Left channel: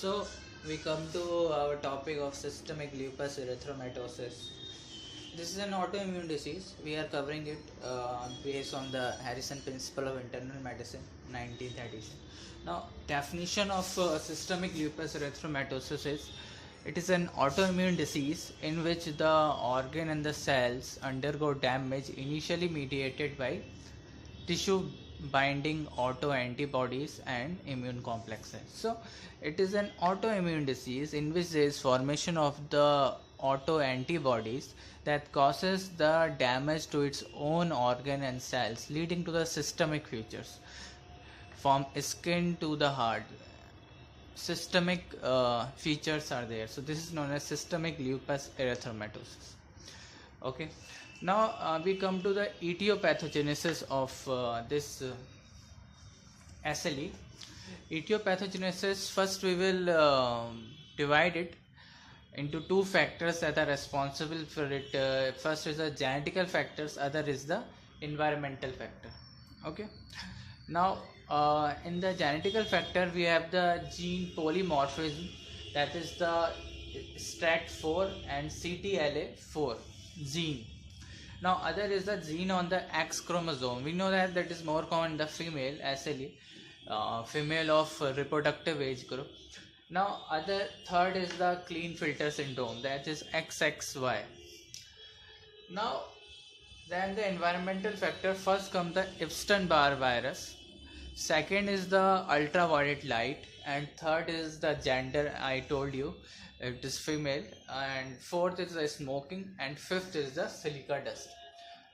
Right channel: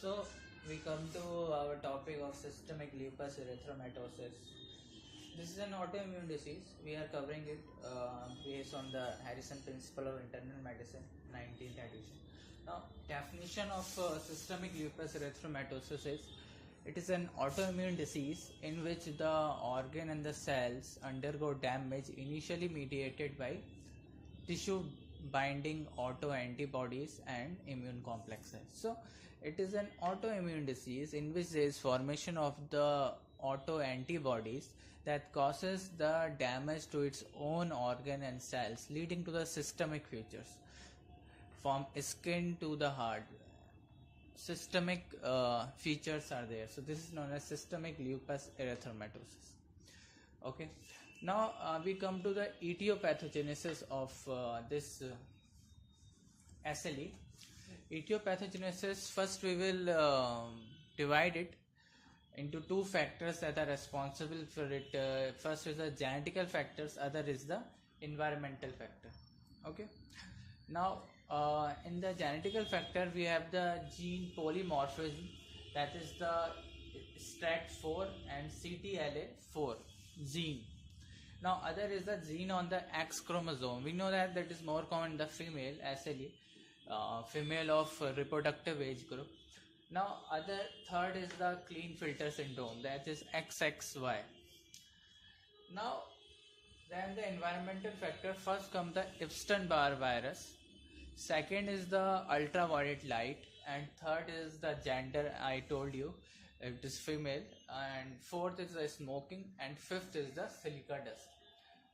So we come to our topic of systemic lupus erythematosus. This is an autoimmune disease. We are covering it based on the Harrison Principle of Internal Medicine, 19th edition. Now, definition of systemic lupus erythematosus is it is an autoimmune disease in which the organ and the cells undergo damage initially mediated by tissue binding autoantibodies and immune complexes. So it is an autoimmune disease in which there is formation of the autoantibodies that causes the damage to its own organ and cells, leading to the systemic features from skin to the heart. Systemic features are there, so this is known as systemic lupus erythematosus. Okay, now we come to the etiopathogenesis of this SLE. Etiopathogenesis, first we will divide it into two factors that are responsible for it. First is the genetical factors, other is the environmental factor. Okay, now in the genetical factor we have the gene polymorphism, that is the STRAT4 and CTLA4 gene. Now other is the gene on the X chromosome. We know that is more common in the female SLE, female of reproductive age group. Now third is the Klinefelter syndrome, that is XXY. Now then the environmental factor, first comes the Epstein-Barr virus, second is the ultraviolet light, and third is the gender. I told you it is female, and fourth is the smoking, and fifth is the silica dust.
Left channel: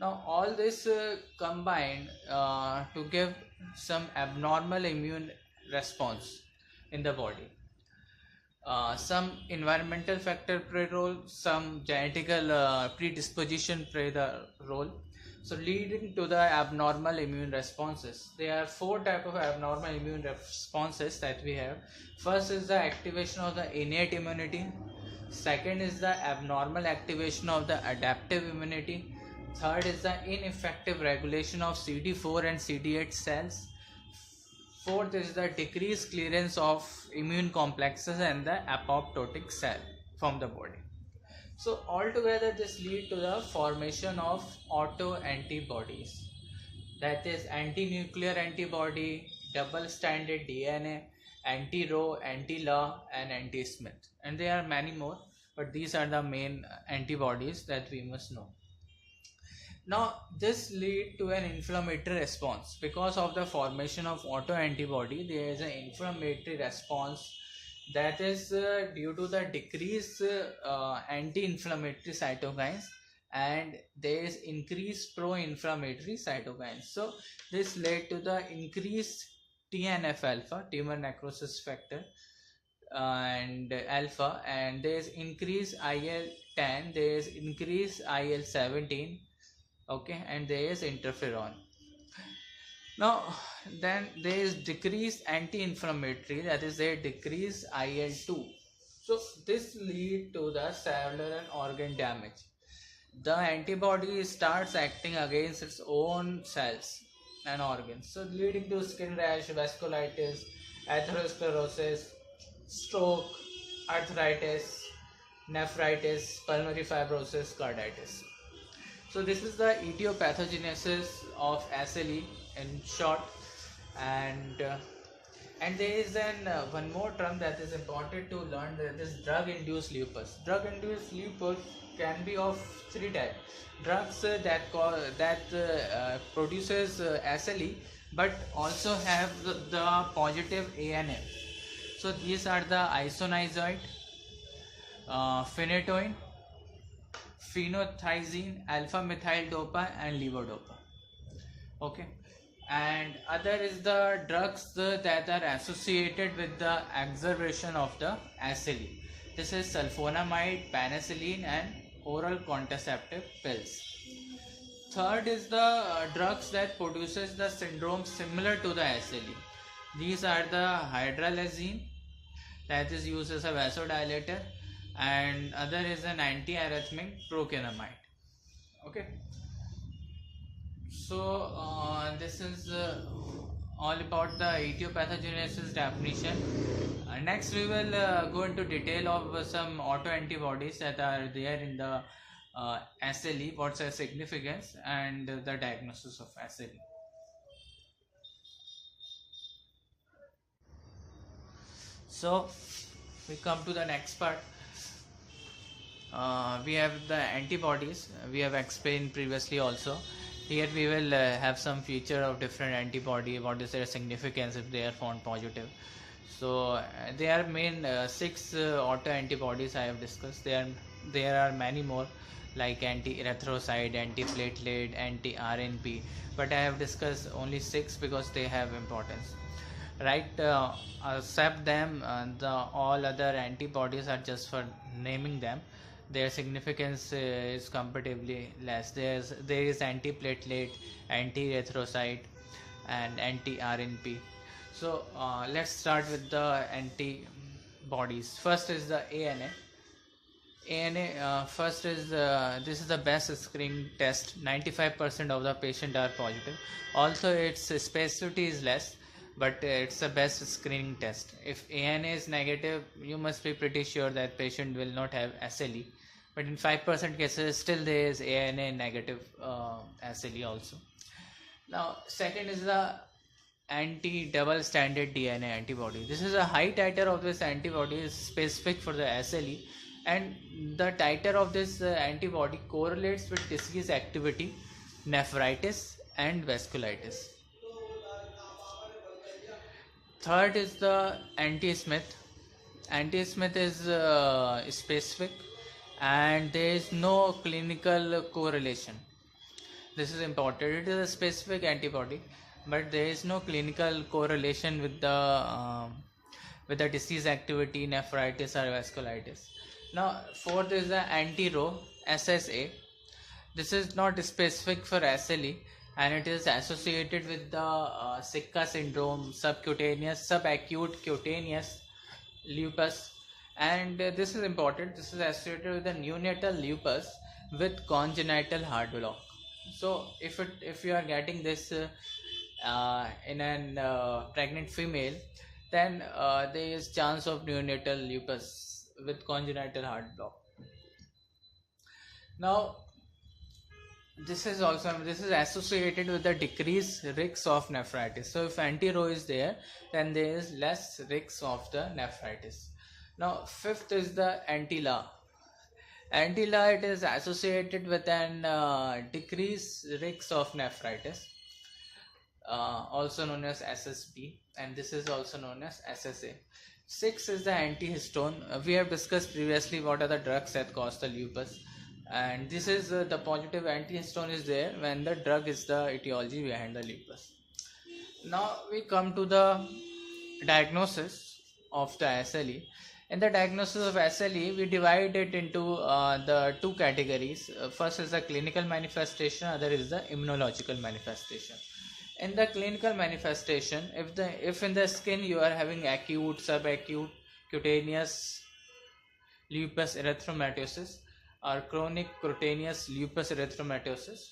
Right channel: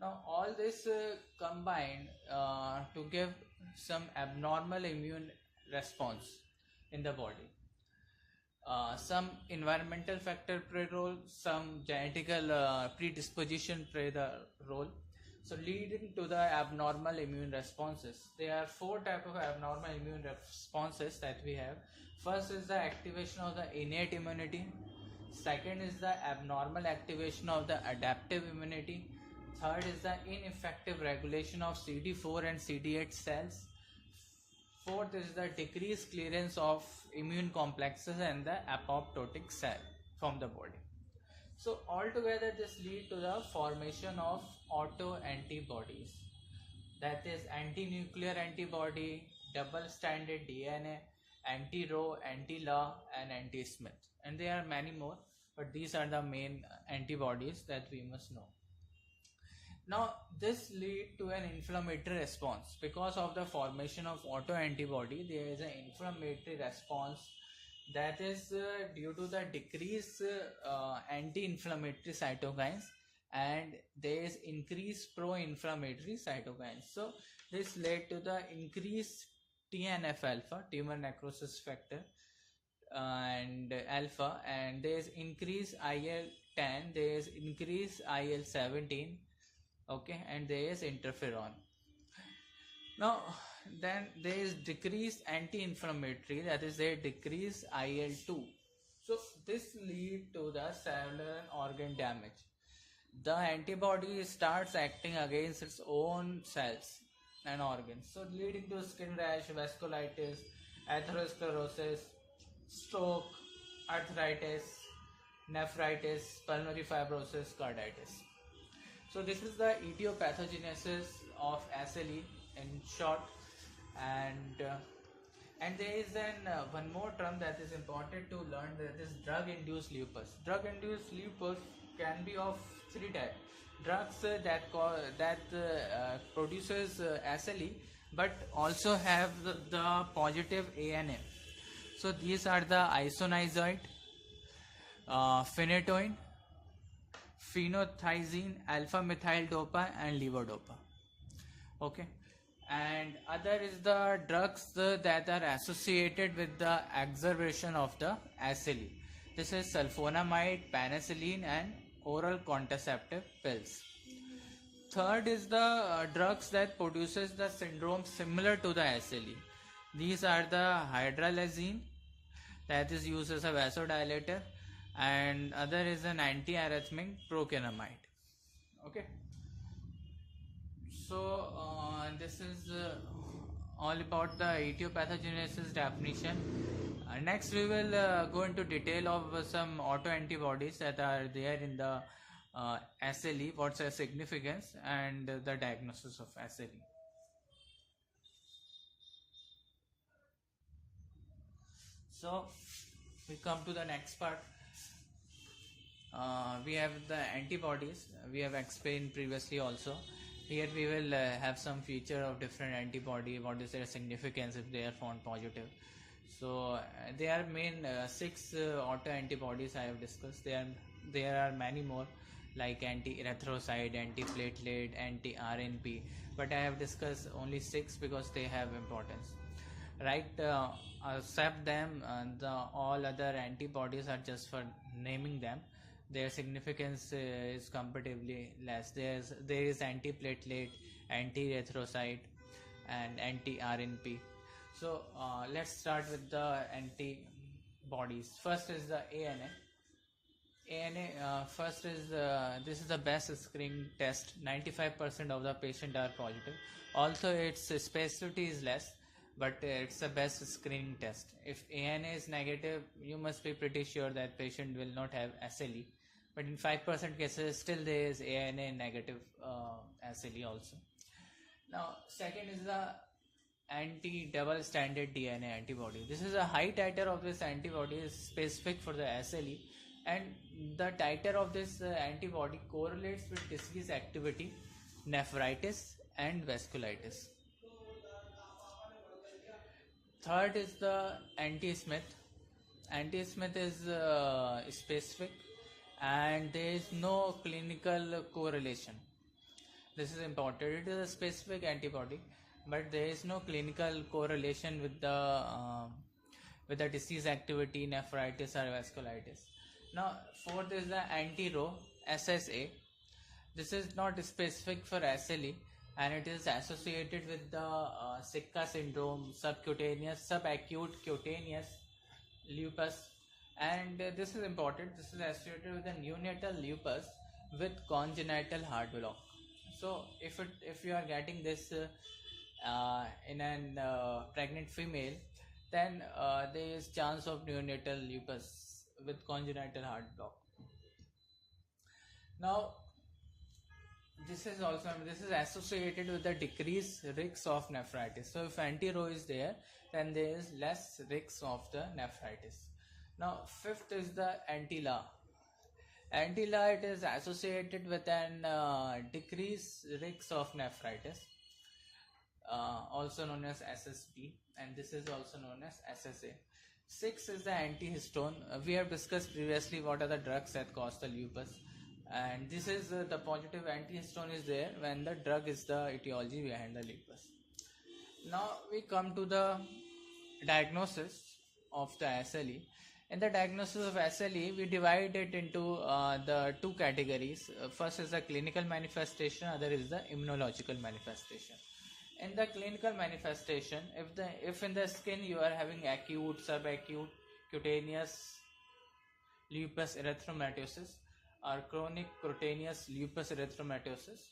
Now all this combined to give some abnormal immune response in the body. Some environmental factor play role, some genetical predisposition play the role, so leading to the abnormal immune responses. There are four types of abnormal immune responses that we have. First is the activation of the innate immunity, second is the abnormal activation of the adaptive immunity, third is the ineffective regulation of CD4 and CD8 cells, fourth is the decreased clearance of immune complexes and the apoptotic cell from the body. So altogether this lead to the formation of autoantibodies, that is anti-nuclear antibody, double-stranded DNA, anti-Rho, anti-La, and anti-Smith, and there are many more, but these are the main antibodies that we must know. Now this lead to an inflammatory response. Because of the formation of autoantibody, there is an inflammatory response that is due to the decreased anti-inflammatory cytokines, and there is increased pro-inflammatory cytokines. So this led to the increased TNF alpha, tumor necrosis factor, and alpha, and there is increased IL-10, there is increased IL-17, okay, and there is interferon. Now then there is decreased anti-inflammatory, that is there decreased IL-2. so this lead to the cellular and organ damage. The antibody starts acting against its own cells and organs, so leading to skin rash, vasculitis, atherosclerosis, stroke, arthritis, nephritis, pulmonary fibrosis, carditis. So this is the etiopathogenesis of SLE in short, and there is one more term that is important to learn, that is drug-induced lupus. Drug-induced lupus can be of three types: drugs that produces SLE, but also have the positive ANA. So these are the isoniazid, phenytoin, phenothiazine, alpha methyl dopa, and levodopa. Okay, and other is the drugs that are associated with the exacerbation of the SLE. This is sulfonamide, penicillin, and oral contraceptive pills. Third is the drugs that produces the syndrome similar to the SLE. These are the hydralazine, that is used as a vasodilator, and other is an antiarrhythmic procainamide. Okay, so this is all about the etiopathogenesis definition. Next, we will go into detail of some autoantibodies that are there in the SLE, what's their significance, and the diagnosis of SLE. So, we come to the next part. We have the antibodies. We have explained previously also. Here we will have some feature of different antibody, what is their significance if they are found positive. So there are main six autoantibodies I have discussed. There are many more like anti-erythrocyte, anti-platelet, anti-RNP, but I have discussed only six because they have importance. Right, except them, all other antibodies are just for naming them. Their significance is comparatively less. There is anti-platelet, anti-erythrocyte, and anti-RNP. So let's start with the antibodies. First is the ANA. First is this is the best screening test. 95% of the patient are positive. Also, its specificity is less, but it's the best screening test. If ANA is negative, you must be pretty sure that patient will not have SLE. But in 5% cases, still there is ANA negative SLE also. Now, second is the anti-double stranded DNA antibody. This is a high titer of this antibody is specific for the SLE, and the titer of this antibody correlates with disease activity, nephritis, and vasculitis. Third is the anti-Smith. Anti-Smith is specific, and there is no clinical correlation. This is important. It is a specific antibody, but there is no clinical correlation with the disease activity, nephritis or vasculitis. Now, fourth is the anti-Rho SSA. This is not specific for SLE, and it is associated with the Sicca syndrome, subacute cutaneous lupus, and this is important. This is associated with the neonatal lupus with congenital heart block. So if you are getting this in an pregnant female, then there is chance of neonatal lupus with congenital heart block. Now, this is associated with the decreased risk of nephritis. So if anti-Rho is there, then there is less risk of the nephritis. Now, fifth is the anti-La. Anti-La, it is associated with an decreased risk of nephritis, also known as SSP, and this is also known as SSA. Six is the antihistone. We have discussed previously what are the drugs that cause the lupus, and this is the positive antihistone is there when the drug is the etiology behind the lupus. Now we come to the diagnosis of the SLE. In the diagnosis of SLE, we divide it into the two categories. First is the clinical manifestation, other is the immunological manifestation. In the clinical manifestation, if in the skin you are having acute, subacute, cutaneous lupus erythematosus or chronic cutaneous lupus erythematosus,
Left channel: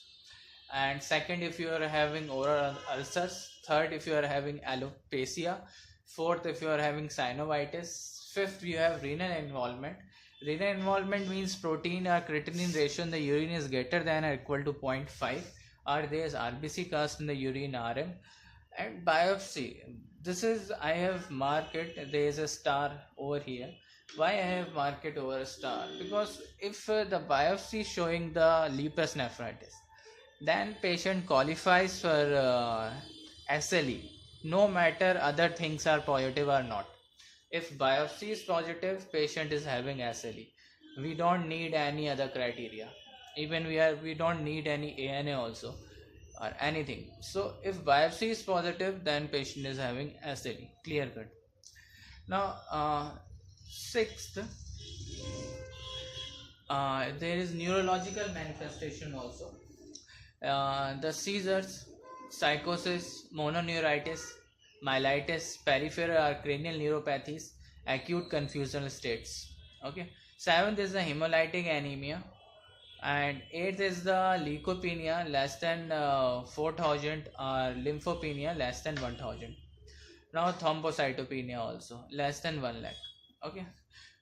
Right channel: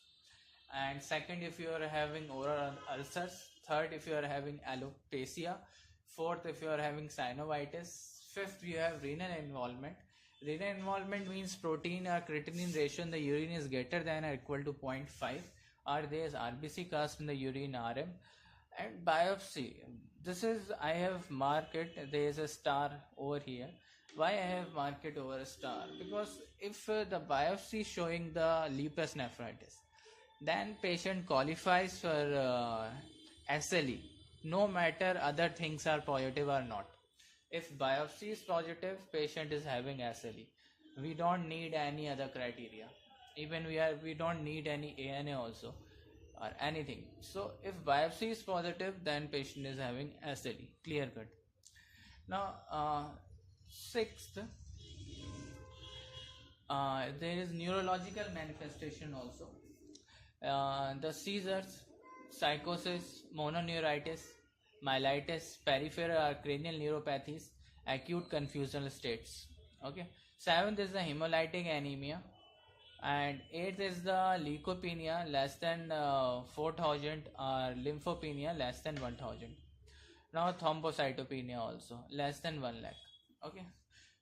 and second if you are having oral ulcers, third if you are having alopecia, fourth if you are having synovitis, fifth you have renal involvement. Renal involvement means protein or creatinine ratio in the urine is greater than or equal to 0.5, or there is RBC cast in the urine RM. And biopsy, this is I have marked it, there is a star over here. Why I have marked it over a star? Because if the biopsy showing the lupus nephritis, then patient qualifies for SLE, no matter other things are positive or not. If biopsy is positive, patient is having SLE. We don't need any other criteria. Even we don't need any ANA also or anything. So if biopsy is positive, then patient is having SLE. Clear cut. Now, sixth, there is neurological manifestation also. The seizures, psychosis, mononeuritis, myelitis, peripheral or cranial neuropathies, acute confusional states. Okay. Seventh is the hemolytic anemia, and eighth is the leukopenia less than 4,000 or lymphopenia less than 1,000. Now thrombocytopenia also less than 1 lakh. Okay,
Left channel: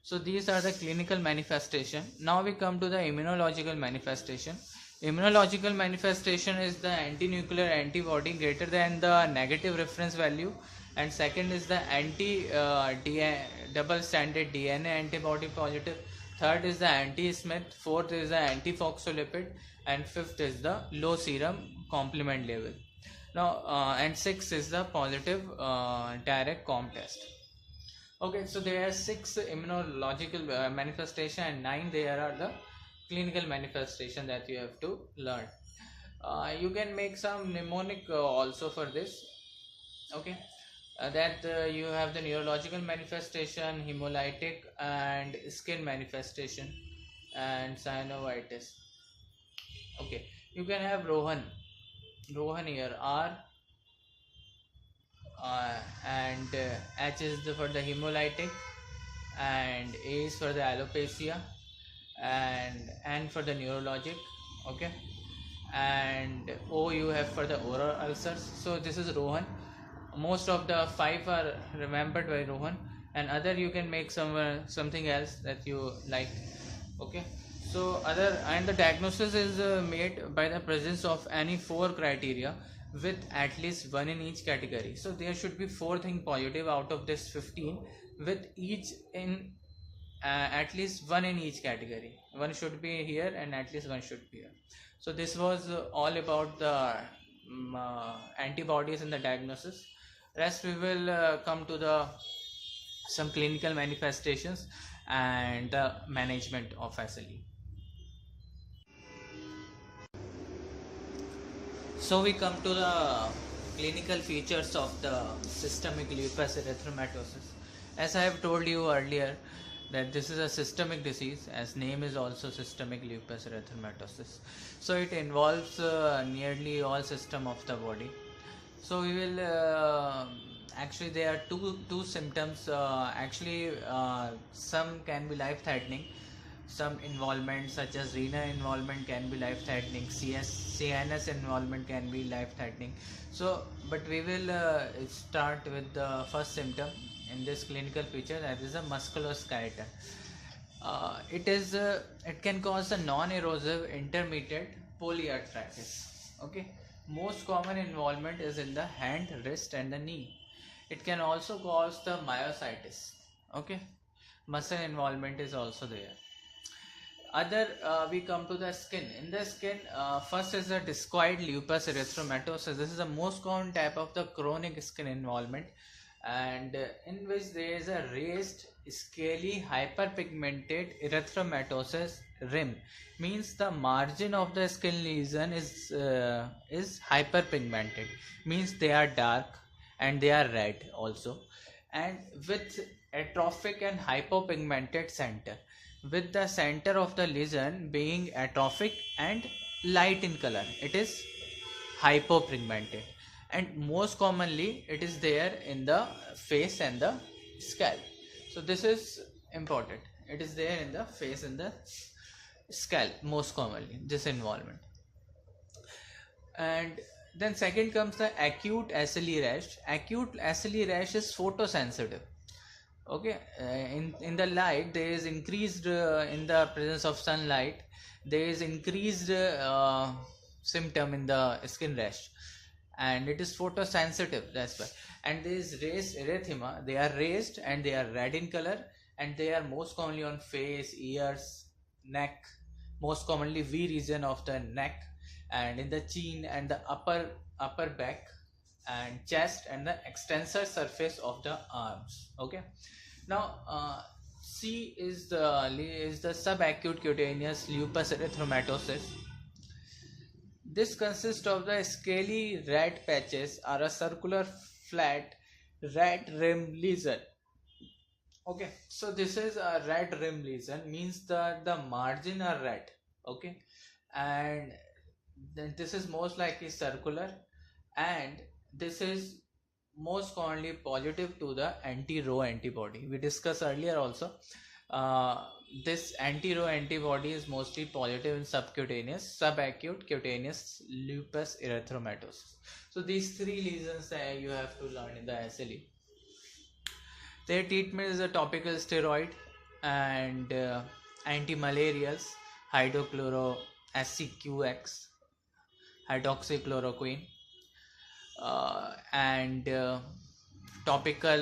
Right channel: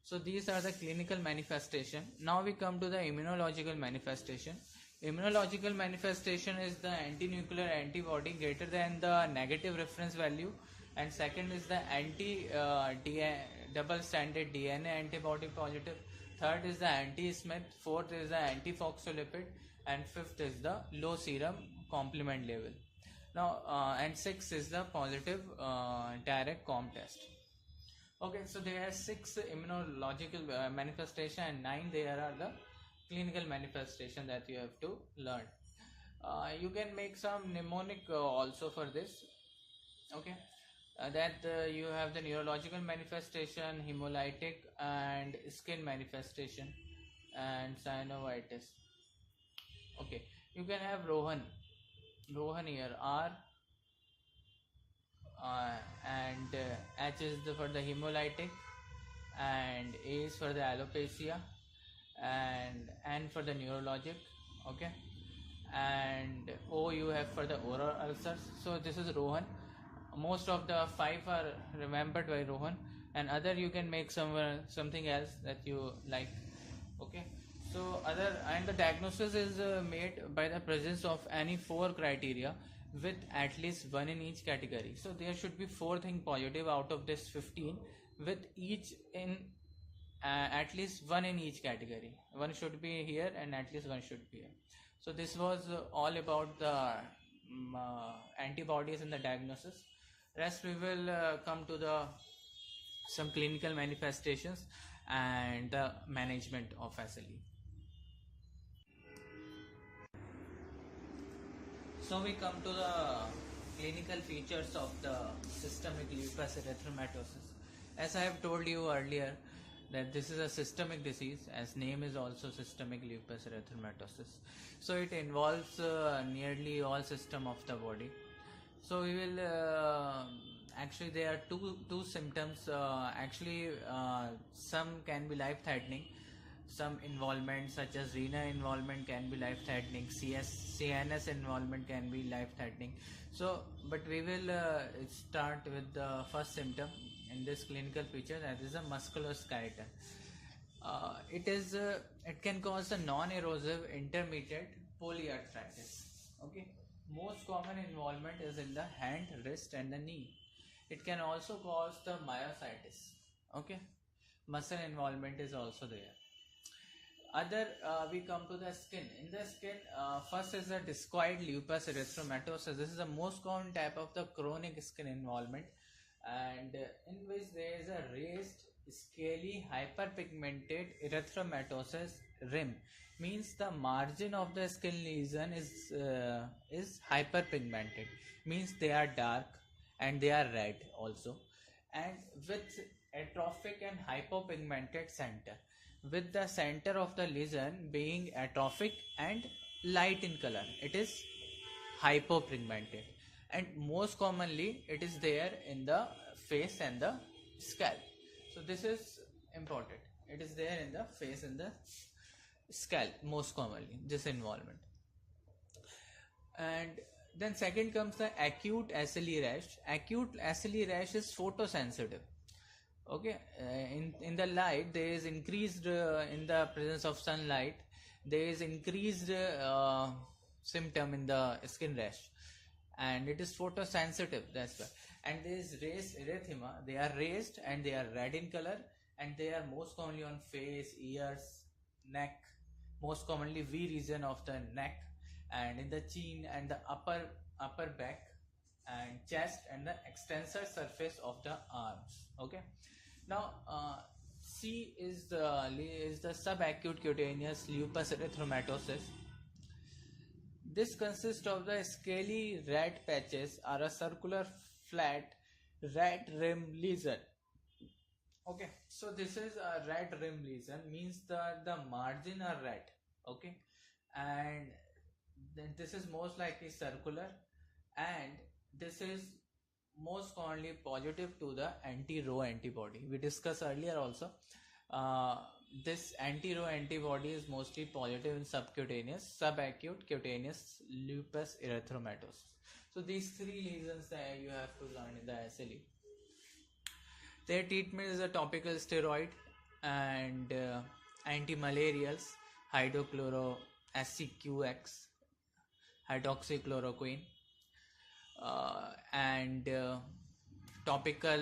so these are the clinical manifestation. Now we come to the immunological manifestation. Immunological manifestation is the anti-nuclear antibody greater than the negative reference value, and second is the double stranded DNA antibody positive, third is the anti-Smith, fourth is the anti-phospholipid, and fifth is the low serum complement level. Now and six is the positive direct com test. Okay, so there are six immunological manifestation and nine there are the clinical manifestation that you have to learn. You can make some mnemonic also for this. Okay, that you have the neurological manifestation, hemolytic and skin manifestation, and synovitis. Okay, you can have Rohan here R, and H is for the hemolytic, and A is for the alopecia, and N for the neurologic. Okay, and O you have for the oral ulcers. So this is Rohan. Most of the five are remembered by Rohan, and other you can make something else that you like. Okay, so other, and the diagnosis is made by the presence of any four criteria with at least one in each category. So there should be four things positive out of this 15 with each in at least one in each category. One should be here and at least one should be here. So this was all about the antibodies and the diagnosis. Rest we will come to the some clinical manifestations and the management of SLE. So we come to the clinical features of the systemic lupus erythematosus. As I have told you earlier that this is a systemic disease, as name is also systemic lupus erythematosus. So it involves nearly all system of the body. So we will actually there are two symptoms. Some can be life threatening. Some involvement such as renal involvement can be life threatening, CNS involvement can be life threatening. So but we will start with the first symptom in this clinical feature, that is a musculoskeletal. It can cause a non-erosive intermediate polyarthritis. Okay, most common involvement is in the hand, wrist and the knee. It can also cause the myositis. Okay, muscle involvement is also there. Other we come to the skin. In the skin, first is the discoid lupus erythematosus. This is the most common type of the chronic skin involvement, and in which there is a raised scaly hyperpigmented erythematosus rim. Means the margin of the skin lesion is hyperpigmented, means they are dark and they are red also, and with atrophic and hypopigmented center, with the center of the lesion being atrophic and light in color, it is hypopigmented, and most commonly it is there in the face and the scalp. So this is important, it is there in the face and the scalp most commonly, this involvement. And then second comes the acute SLE rash. Acute SLE rash is photosensitive. Okay, in the light there is increased in the presence of sunlight, there is increased symptom in the skin rash, and it is photosensitive, that's why. And there is raised erythema, they are raised and they are red in color, and they are most commonly on face, ears, neck, most commonly V region of the neck, and in the chin and the upper back and chest and the extensor surface of the arms. Okay, now C is the subacute cutaneous lupus erythematosus. This consists of the scaly red patches or a circular flat red rim lesion. Okay, so this is a red rim lesion, means that the margin are red. Okay, and then this is most likely circular, and this is most commonly positive to the anti-Rho antibody. We discussed earlier also. This anti-Rho antibody is mostly positive in subacute cutaneous lupus erythematosus. So these three lesions you have to learn in the SLE. Their treatment is a topical steroid and anti-malarials, hydrochloroacqx, hydroxychloroquine, and topical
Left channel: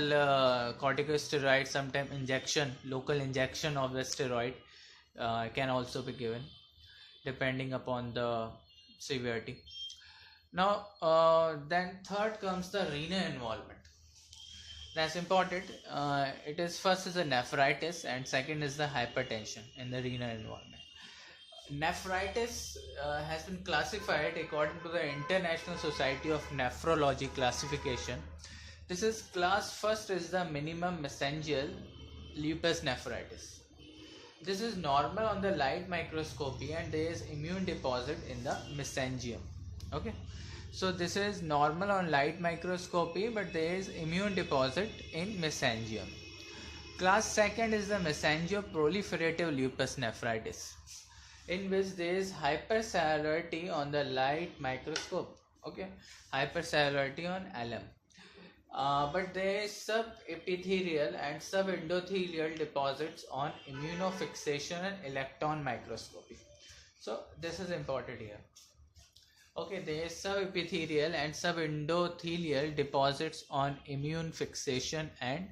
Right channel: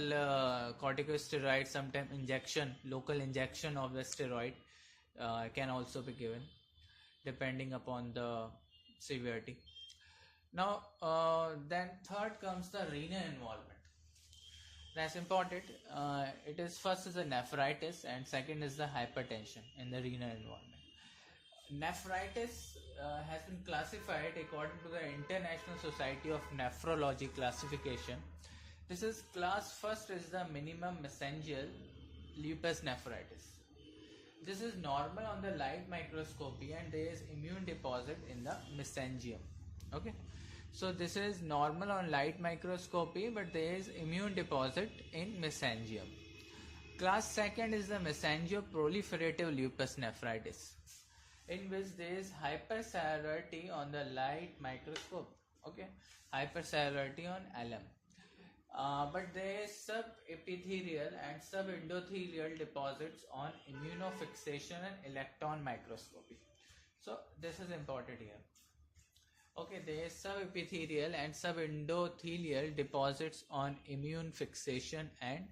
corticosteroid, sometimes injection, local injection of the steroid can also be given depending upon the severity. Now then third comes the renal involvement. That's important. It is first is the nephritis and second is the hypertension in the renal involvement. Nephritis has been classified according to the International Society of Nephrology classification. This is class first is the minimum mesangial lupus nephritis. This is normal on the light microscopy and there is immune deposit in the mesangium. Okay, so this is normal on light microscopy but there is immune deposit in mesangium. Class second is the mesangioproliferative lupus nephritis, in which there is hypercellularity on the light microscope. Okay, hypercellularity on LM. But there is subepithelial and subendothelial deposits on immunofixation and electron microscopy. So this is important here. Okay, there is subepithelial and subendothelial deposits on immune fixation and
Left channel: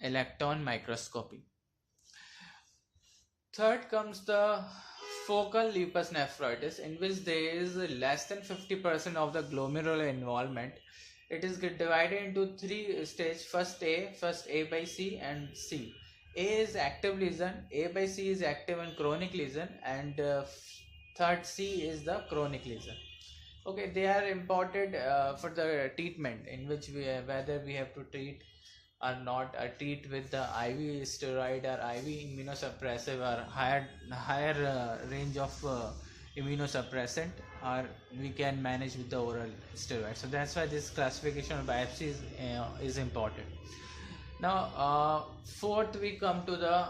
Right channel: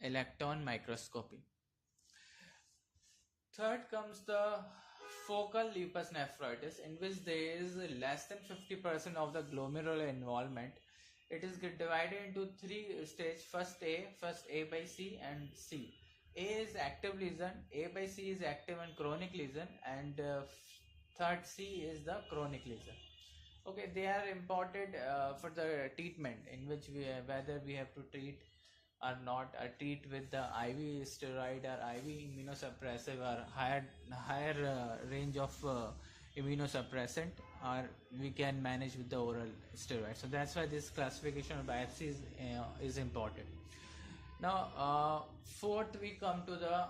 electron microscopy. Third comes the focal lupus nephritis, in which there is less than 50% of the glomerular involvement. It is divided into three stages: first A by C, and C. A is active lesion, A by C is active and chronic lesion, and third C is the chronic lesion. Okay, they are important for the treatment, in which whether we have to treat or not, treat with the IV steroid or IV immunosuppressive or higher range of immunosuppressant, or we can manage with the oral steroid. So that's why this classification of biopsy is important. Now fourth we come to the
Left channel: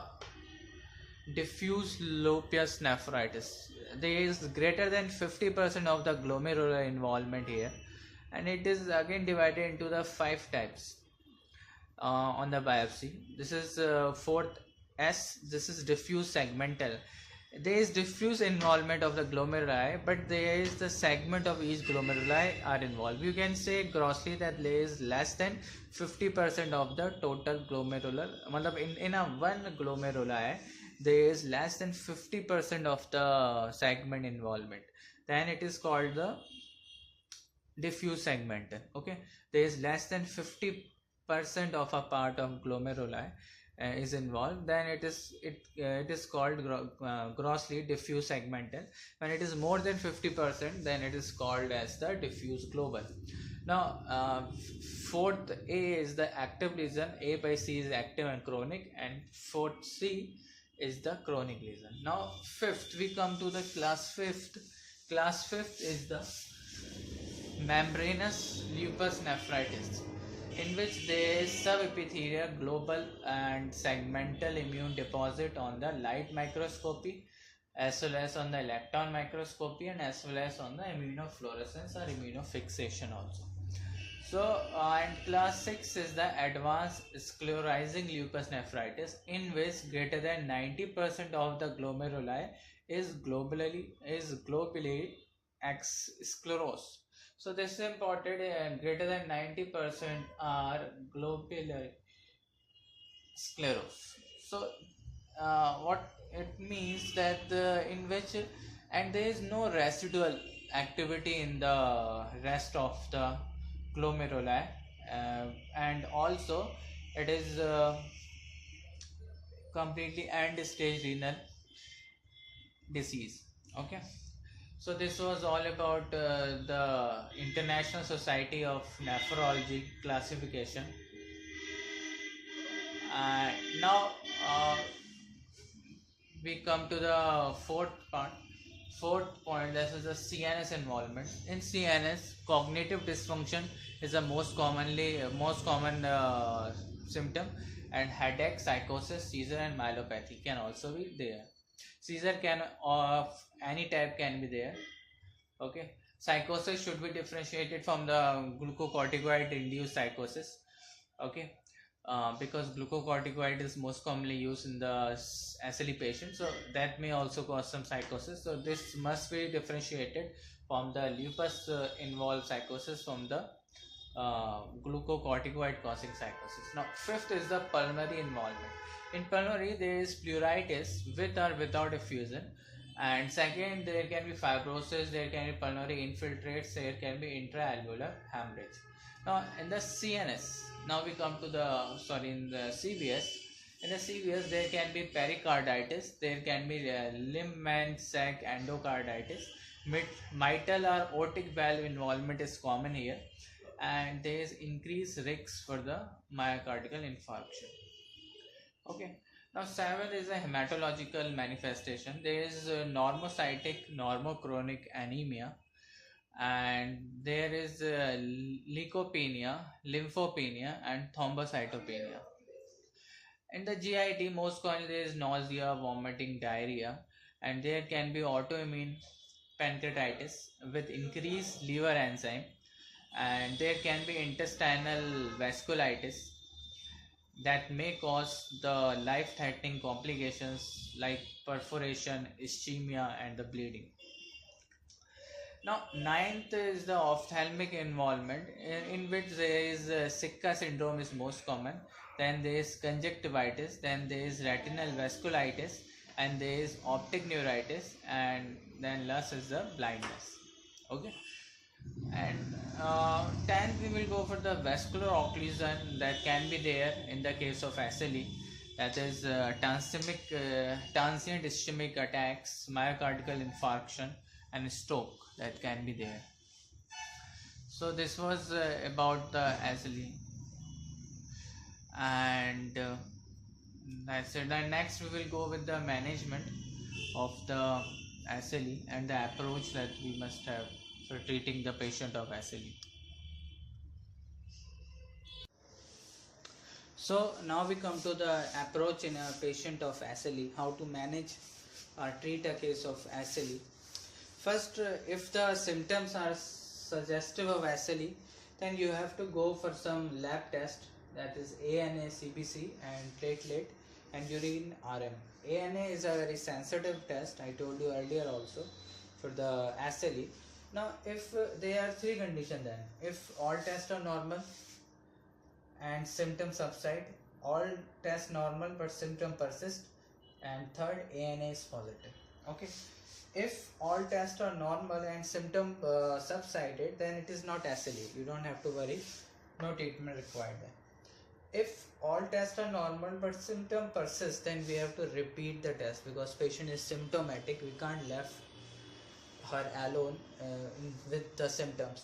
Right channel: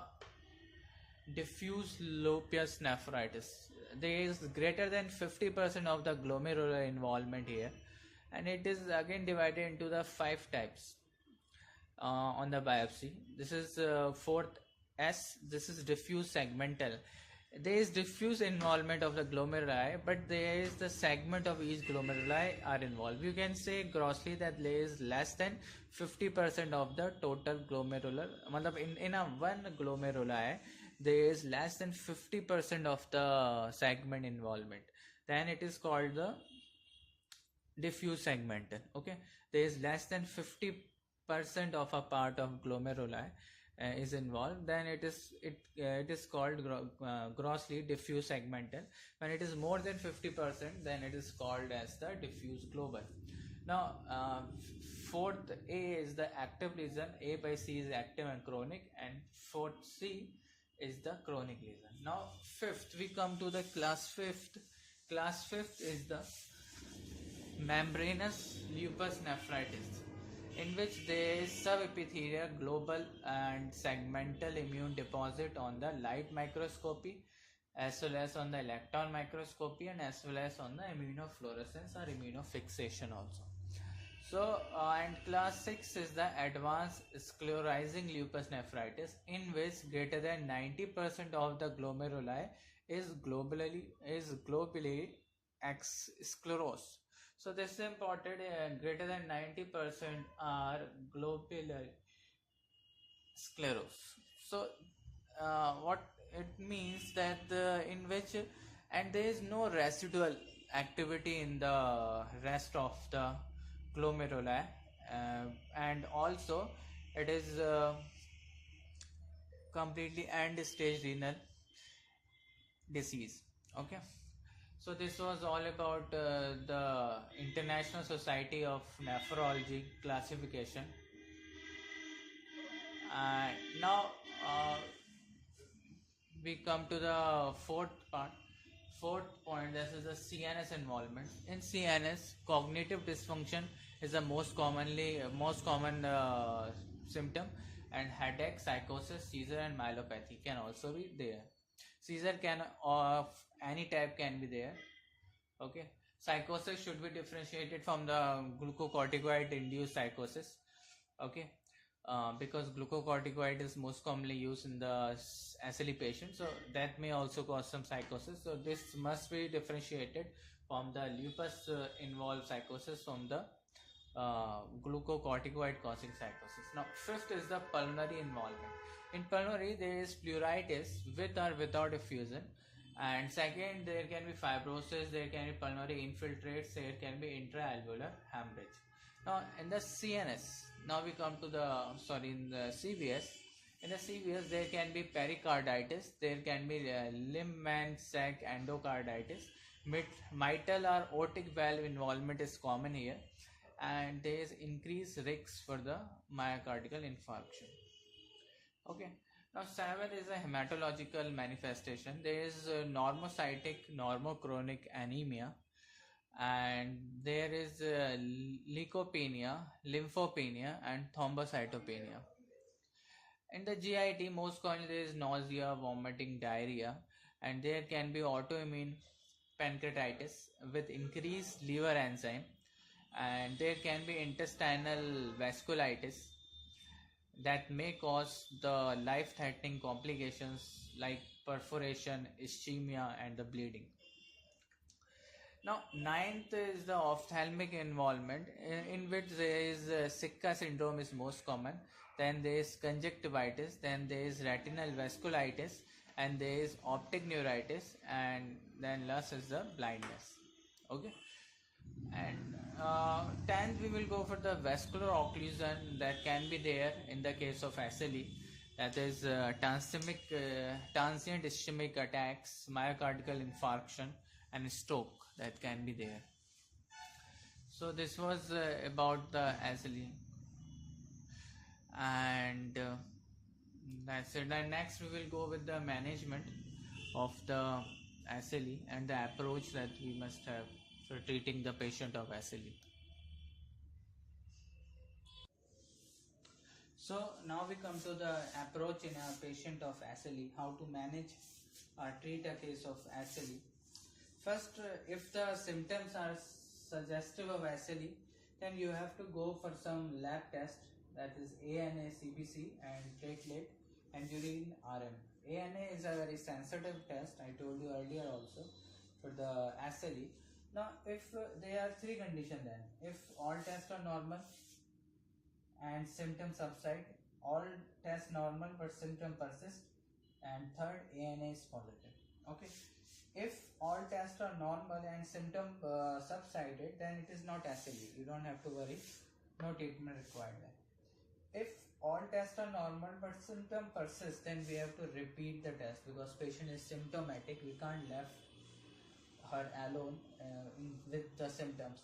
diffuse lupus nephritis. There is greater than 50% of the glomerular involvement here, and it is again divided into the 5 types on the biopsy. This is fourth S. This is diffuse segmental. There is diffuse involvement of the glomeruli, but there is the segment of each glomeruli are involved. You can say grossly that there is less than 50% of the total glomerular. In a one glomeruli, there is less than 50% of the segment involvement. Then it is called the diffuse segmental. Okay, there is less than 50% of a part of glomeruli is involved, then it is called grossly diffuse segmental. When it is more than 50%, then it is called as the diffuse global. Now fourth A is the active lesion, A by C is active and chronic, and fourth C is the chronic lesion. Now fifth we come to the class fifth. Class fifth is the membranous lupus nephritis, in which there is subepithelial, global and segmental immune deposit on the light microscopy, as well as on the electron microscopy, and as well as on the immunofluorescence or immunofixation also. So and class 6 is the advanced sclerosing lupus nephritis, in which greater than 90% of the glomeruli is globally sclerosed. So this is important, greater than 90% are globular sclerosed. So what it means that in which, and there is no residual activity in the rest of the glomeruli, and also it is completely end stage renal disease. Okay, so this was all about the International Society of Nephrology classification. Now we come to the fourth point. This is the CNS involvement. In CNS, cognitive dysfunction is the most common symptom, and headache, psychosis, seizure, and myelopathy can also be there. Seizure can of any type can be there. Okay, psychosis should be differentiated from the glucocorticoid induced psychosis. Okay, because glucocorticoid is most commonly used in the SLE patient, so that may also cause some psychosis. So this must be differentiated from the lupus involved psychosis from the glucocorticoid causing psychosis. Now, fifth is the pulmonary involvement. In pulmonary, there is pleuritis with or without effusion, and second, there can be fibrosis, there can be pulmonary infiltrates, there can be intraalveolar hemorrhage. Now, in the CNS, now we come to the in the CVS. In the CVS, there can be pericarditis, there can be limb and sac endocarditis, mitral or aortic valve involvement is common here, and there is increased risk for the myocardial infarction. Okay. Now, 7 is a hematological manifestation. There is normocytic normochronic anemia, and there is leukopenia, lymphopenia, and thrombocytopenia. In the GIT, most commonly there is nausea, vomiting, diarrhea, and there can be autoimmune pancreatitis with increased liver enzyme, and there can be intestinal vasculitis that may cause the life-threatening complications like perforation, ischemia, and the bleeding. Now, ninth is the ophthalmic involvement, in which there is Sitka syndrome is most common. Then there is conjunctivitis. Then there is retinal vasculitis, and there is optic neuritis, and then last is the blindness. Okay. And 10th we will go for the vascular occlusion that can be there in the case of SLE, that is transient ischemic attacks, myocardial infarction, and stroke that can be there. So this was about the SLE, and that's it. Then next we will go with the management of the SLE and the approach that we must have for treating the patient of SLE. So now we come to the approach in a patient of SLE, how to manage or treat a case of SLE. First, if the symptoms are suggestive of SLE, then you have to go for some lab test, that is ANA, CBC, and platelet and urine RM. ANA is a very sensitive test, I told you earlier also, for the SLE. Now, if there are three conditions then, if all tests are normal and symptoms subside, all tests normal but symptom persist, and third, ANA is positive. Okay. If all tests are normal and symptom subsided, then it is not SLE. You don't have to worry. No treatment required then. If all tests are normal but symptom persist, then we have to repeat the test because patient is symptomatic. We can't left her alone with the symptoms.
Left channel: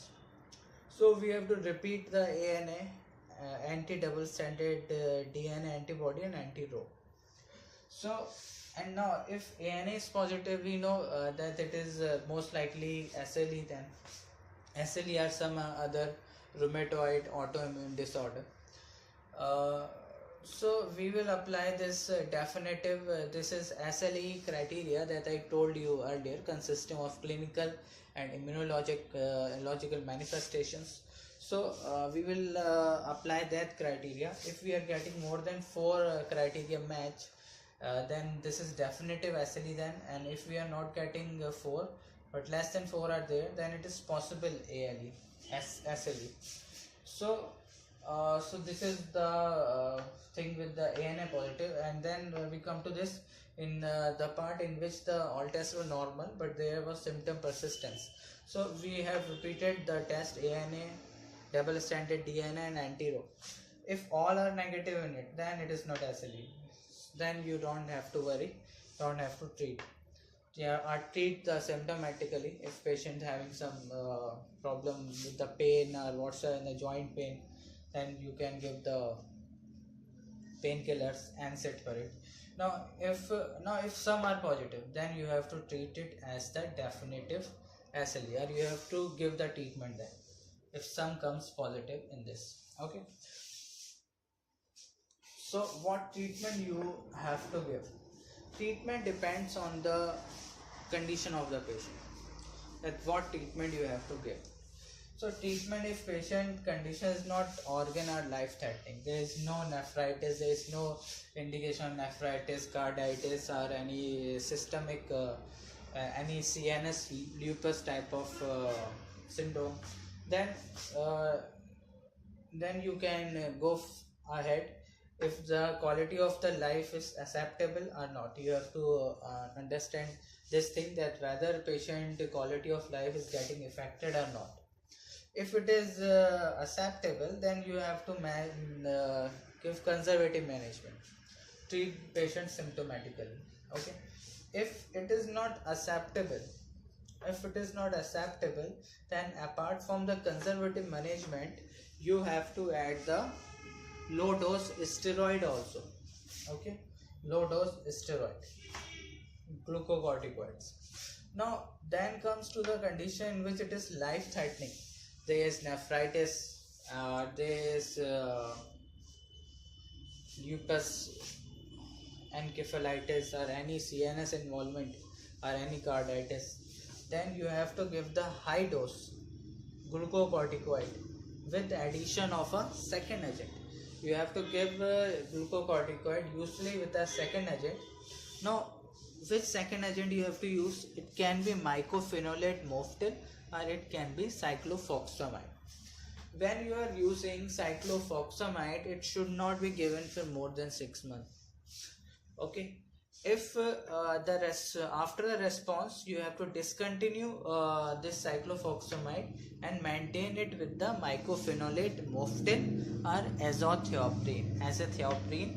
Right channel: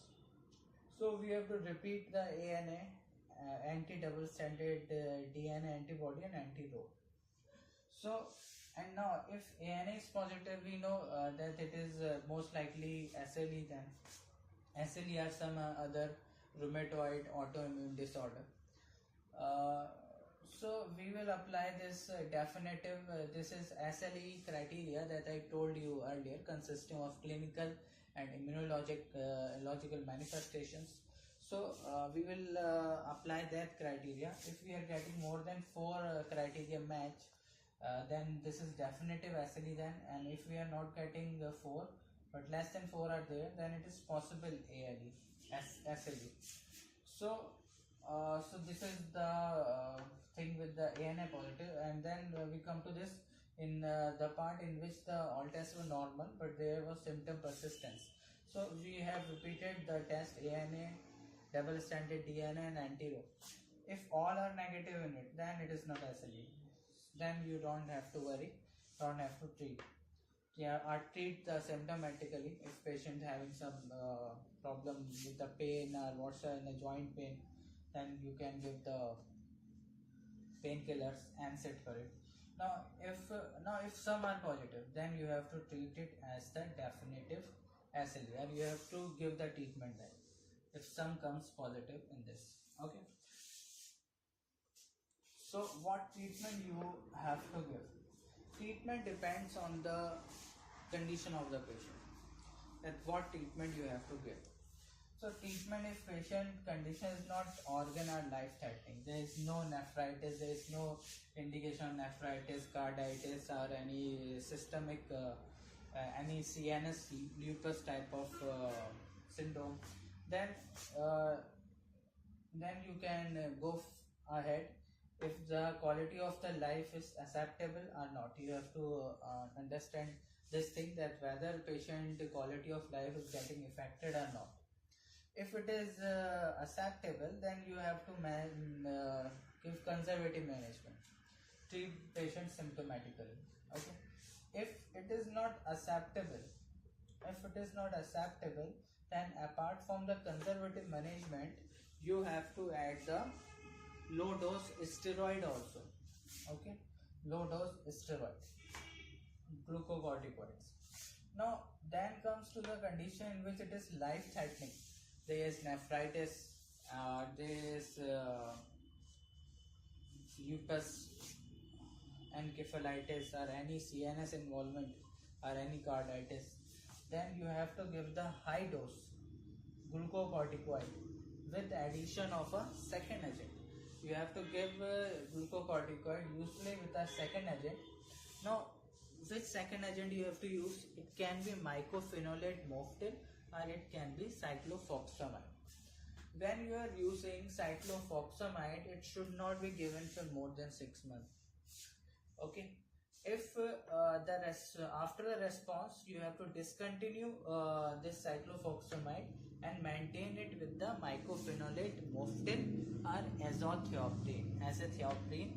So we have to repeat the ANA, anti-double stranded DNA antibody and anti-Rho. So, and now if ANA is positive, we know that it is most likely SLE then. SLE or some other rheumatoid autoimmune disorder. So we will apply this definitive, this is SLE criteria that I told you earlier, consisting of clinical and immunological manifestations. So we will apply that criteria. If we are getting more than 4 criteria match, then this is definitive SLE then, and if we are not getting 4 but less than 4 are there, then it is possible SLE. So this is the thing with the ANA positive, and then we come to this in the part in which the all tests were normal but there was symptom persistence. So we have repeated the test ANA, double stranded DNA and anti-Rho. If all are negative in it, then it is not SLE. Then you don't have to worry, don't have to treat. Yeah, or treat the symptomatically. If patient having some problem with the pain or whatsoever in the joint pain, then you can give the painkillers and sit for it. Now if some are positive, then you have to treat it as the definitive SLE, or you have to give the treatment then if some comes positive in this. Okay. So what treatment you have to give? Treatment depends on the condition of the patient, that what treatment you have to give. So treatment if patient condition is not organ or life threatening. There is no nephritis, there is no indication of nephritis, carditis or any systemic, any CNS lupus type of syndrome. Then uh, then you can go ahead if the quality of the life is acceptable or not. You have to understand this thing, that whether patient quality of life is getting affected or not. If it is acceptable, then you have to give conservative management, treat patient symptomatically. Okay. If it is not acceptable, then apart from the conservative management, you have to add the low dose steroid also. Okay, low dose steroid, glucocorticoids. Now then comes to the condition in which it is life threatening. There is nephritis, there is lupus, encephalitis or any CNS involvement or any carditis. Then you have to give the high dose glucocorticoid with addition of a second agent. You have to give glucocorticoid usually with a second agent. Now which second agent you have to use? It can be mycophenolate mofetil or it can be cyclophosphamide. When you are using cyclophosphamide, it should not be given for more than 6 months. Okay. If after the response, you have to discontinue this cyclophosphamide and maintain it with the mycophenolate mofetil or azathioprine.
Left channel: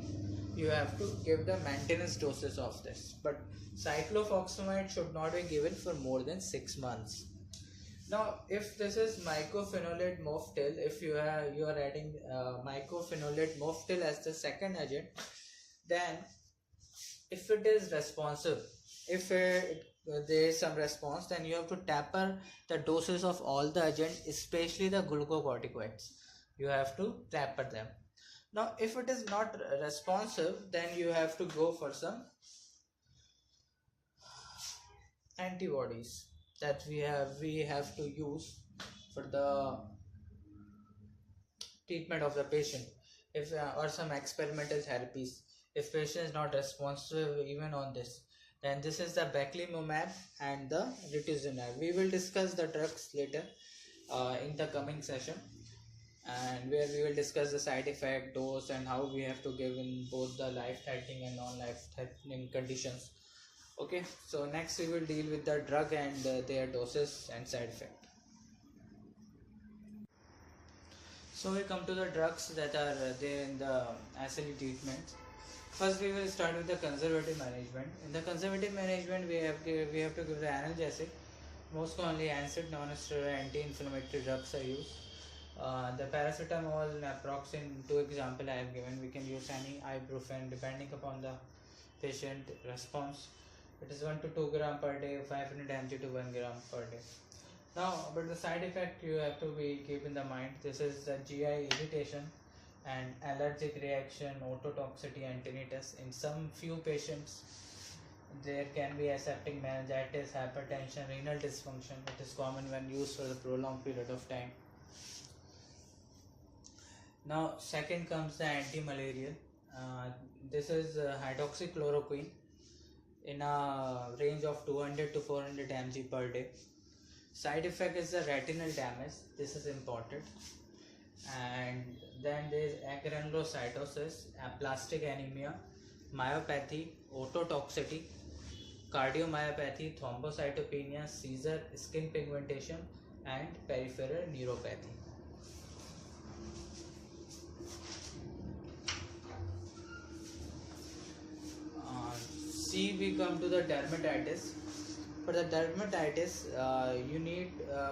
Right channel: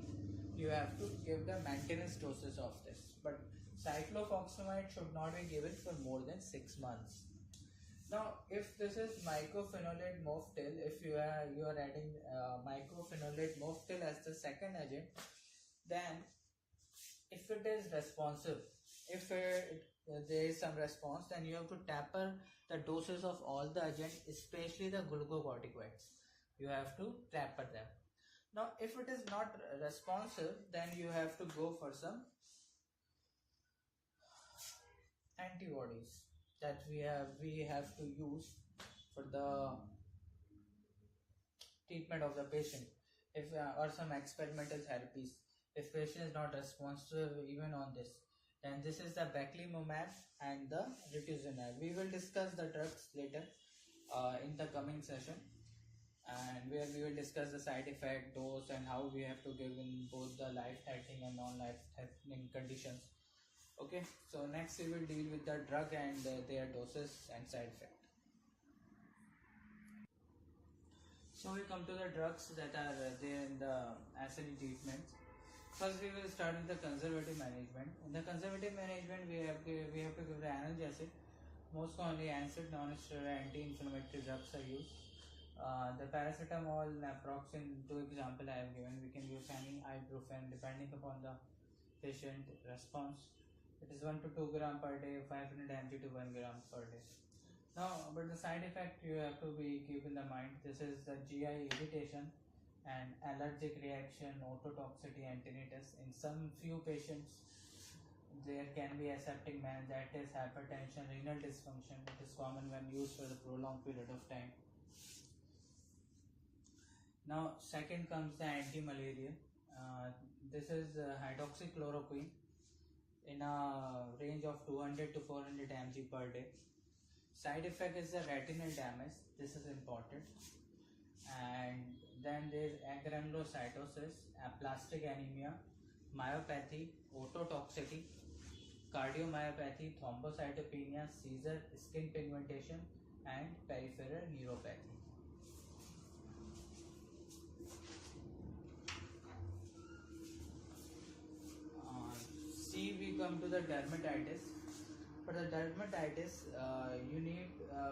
You have to give the maintenance doses of this, but cyclophosphamide should not be given for more than 6 months. Now if this is mycophenolate mofetil, if you are adding mycophenolate mofetil as the second agent, then if it is responsive, if there is some response, then you have to taper the doses of all the agent, especially the glucocorticoids. You have to taper them. Now if it is not responsive, then you have to go for some antibodies that we have to use for the treatment of the patient, if or some experimental therapies. If patient is not responsive even on this, then this is the belimumab and the rituximab. We will discuss the drugs later in the coming session, and where we will discuss the side effect, dose, and how we have to give in both the life-threatening and non-life-threatening conditions. Okay, so next we will deal with the drug and their doses and side effect. So we come to the drugs that are there in the SLE treatment. First, we will start with the conservative management. In the conservative management, we have to give the analgesic. Most commonly, NSAID, non-steroidal anti-inflammatory drugs are used. The paracetamol, naproxen, 2 example I have given. We can use any ibuprofen depending upon the patient response. It is 1 to 2 gram per day, 500 mg to 1 gram per day. Now, about the side effect, you have to keep in the mind. This is the GI irritation and allergic reaction, ototoxicity and tinnitus. In some few patients, there can be aseptic meningitis, hypertension, renal dysfunction. It is common when used for a prolonged period of time. Now, second comes the anti-malarial. This is hydroxychloroquine in a range of 200 to 400 mg per day. Side effect is the retinal damage. This is important. And then there is agranulocytosis, aplastic anemia, myopathy, ototoxicity, cardiomyopathy, thrombocytopenia, seizure, skin pigmentation, and peripheral neuropathy. C, we come to the dermatitis. For the dermatitis, you need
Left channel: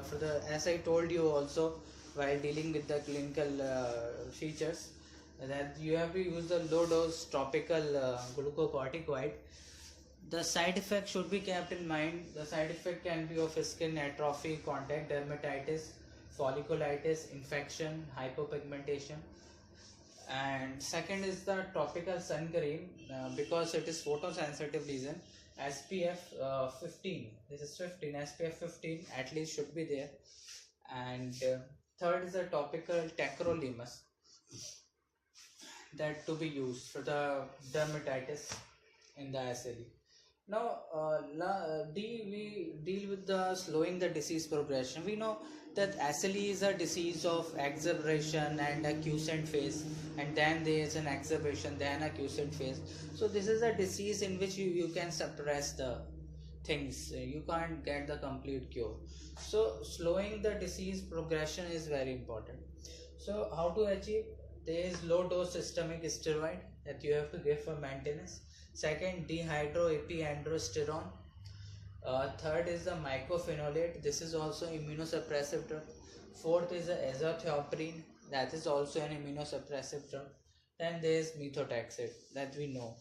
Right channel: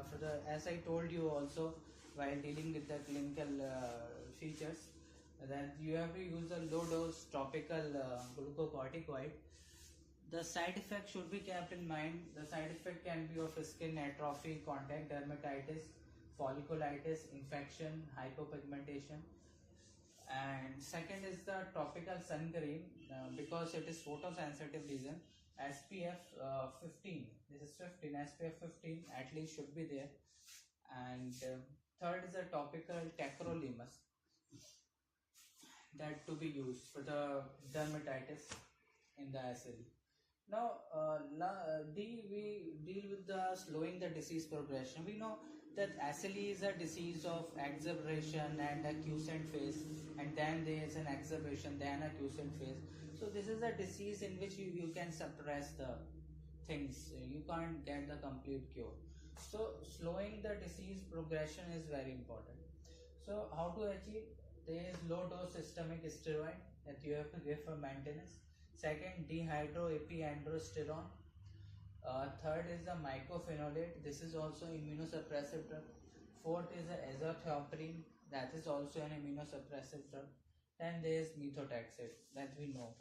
for the, as I told you also while dealing with the clinical features, that you have to use the low dose topical glucocorticoid. The side effect should be kept in mind. The side effect can be of skin atrophy, contact dermatitis, folliculitis, infection, hypopigmentation. And second is the topical sun cream, because it is photosensitive lesion. SPF 15, this is 15, SPF 15 at least should be there. And third is a topical tacrolimus that to be used for the dermatitis in the SLE. Now, we deal with the slowing the disease progression. We know that SLE is a disease of exacerbation and a quiescent phase, and then there is an exacerbation, then a quiescent phase. So this is a disease in which you can suppress the things. You can't get the complete cure. So slowing the disease progression is very important. So how to achieve? There is low dose systemic steroid that you have to give for maintenance. Second, dehydroepiandrosterone. Third is the mycophenolate. This is also immunosuppressive drug. Fourth is the azathioprine. That is also an immunosuppressive drug. Then there is methotrexate that we know.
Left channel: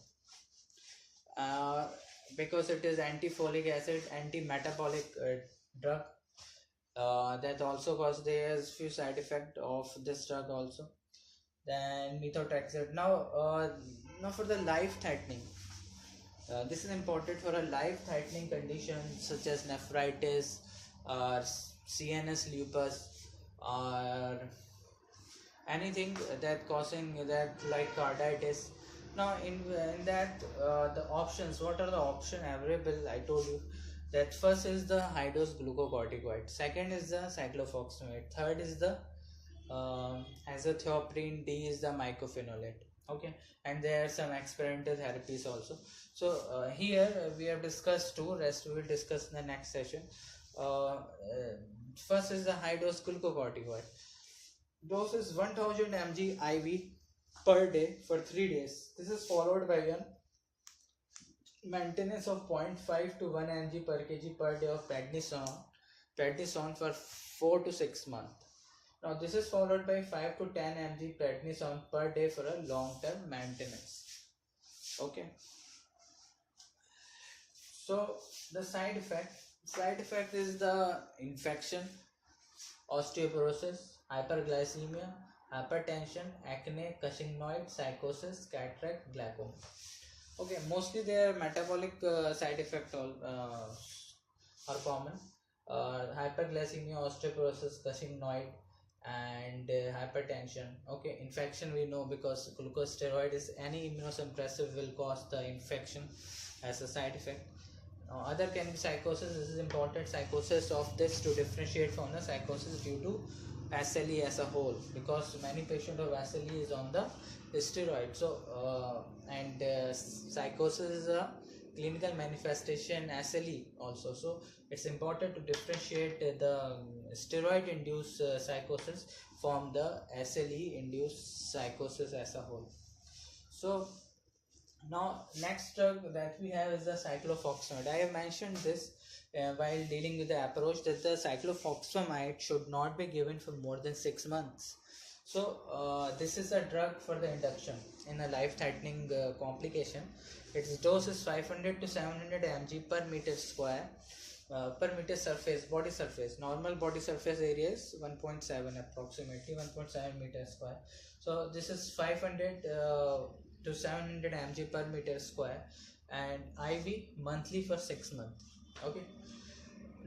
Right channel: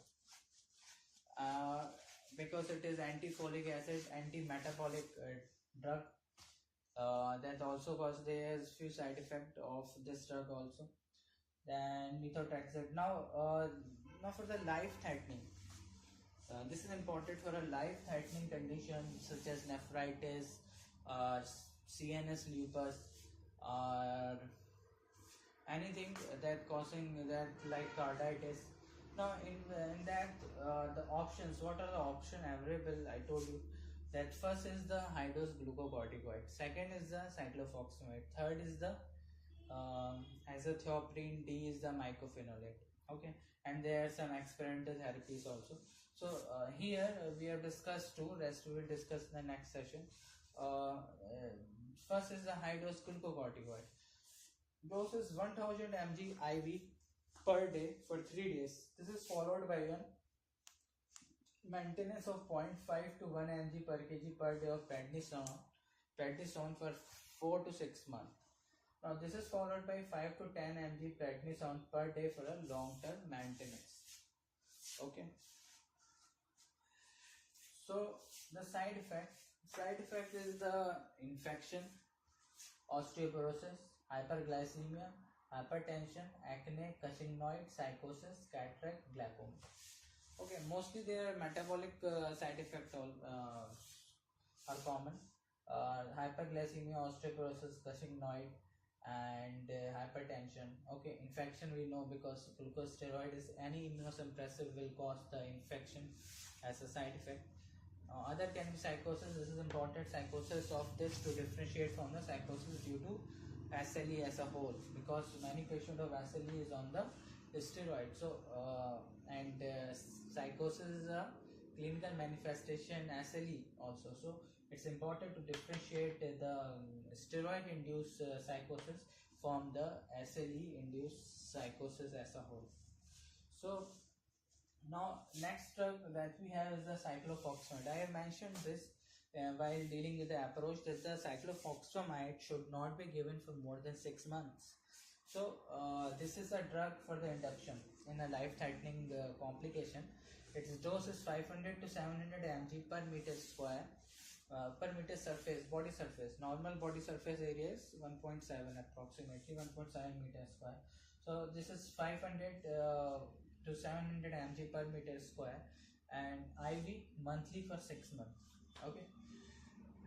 Because it is anti-folic acid, anti-metabolic drug. That also causes there's few side effects of this drug also. Then methotrexate. Now for the life-threatening. This is important for a life-threatening condition such as nephritis or CNS lupus or anything that causing that like carditis. Now in that the options, what are the options available? I told you that first is the high dose glucocorticoid, second is the cyclophosphamide, third is the azathioprine, D is the mycophenolate. Okay, and there are some experimental therapies also. So here we have discussed two, rest we will discuss in the next session. First is the high dose glucocorticoid. Dose is 1000 mg IV per day for 3 days. This is followed by a maintenance of 0.5 to 1 mg per kg per day of prednisone for 4 to 6 months. Now this is followed by 5 to 10 mg prednisone per day for a long-term maintenance. Okay. So the side effect is the infection, osteoporosis, hyperglycemia, hypertension, acne, Cushingnoid, psychosis, cataract, glaucoma. Okay, mostly their metabolic side effects are common. Hyperglycemia, osteoporosis, Cushingnoid, and hypertension. Okay, infection we know because glucosteroid is any immunosuppressive will cause the infection as a side effect. Other can be psychosis. This is important, psychosis of this to differentiate from the psychosis due to SLE as a whole, because many patients of SLE is on the steroid. So psychosis is a clinical manifestation SLE also. So it's important to differentiate the steroid induced psychosis from the SLE induced psychosis as a whole. So now next drug that we have is the cyclophosphamide. I have mentioned this while dealing with the approach that the cyclophosphamide should not be given for more than 6 months. So this is a drug for the induction in a life-threatening complication. Its dose is 500 to 700 mg per meter square per meter surface, body surface. Normal body surface area is 1.7, approximately 1.7 meter square. So this is 500 to 700 mg per meter square and IV monthly for 6 months. Okay.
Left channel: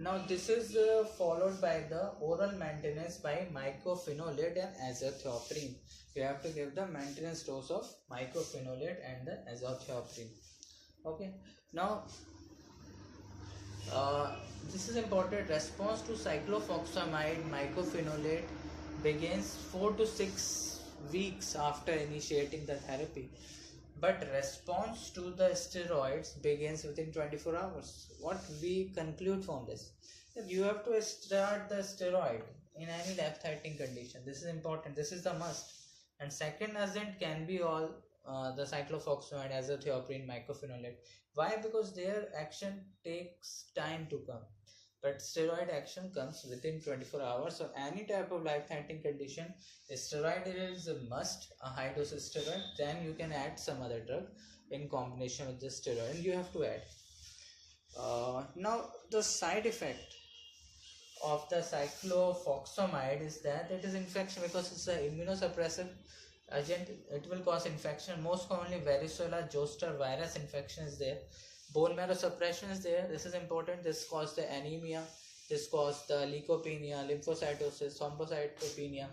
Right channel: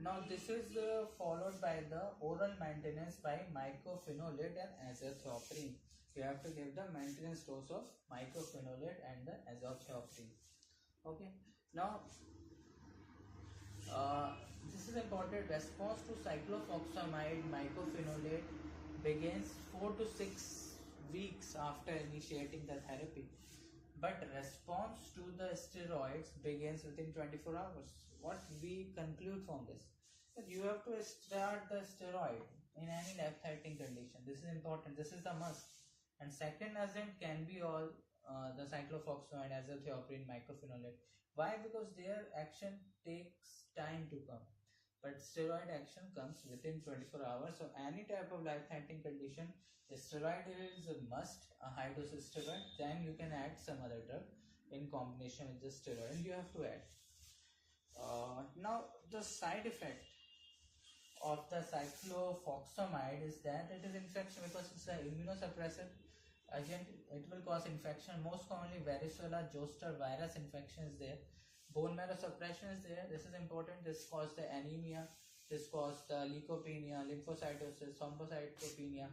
Now this is followed by the oral maintenance by mycophenolate and azathioprine. You have to give the maintenance dose of mycophenolate and the azathioprine. Okay. Now this is important. Response to cyclophosphamide mycophenolate begins 4 to 6 weeks after initiating the therapy, but response to the steroids begins within 24 hours. What we conclude from this, that you have to start the steroid in any life-threatening condition. This is important, this is the must. And second agent can be all the cyclophosphamide, azathioprine, mycophenolate. Why? Because their action takes time to come, but steroid action comes within 24 hours. So any type of life-threatening condition, steroid is a must, a high dose steroid. Then you can add some other drug in combination with the steroid, and you have to add. Now the side effect of the cyclophosphamide is that it is infection, because it's an immunosuppressive agent. It will cause infection, most commonly varicella zoster virus infection is there. Bone marrow suppression is there. This is important. This causes the anemia, This causes the leukopenia, lymphocytosis, thrombocytopenia.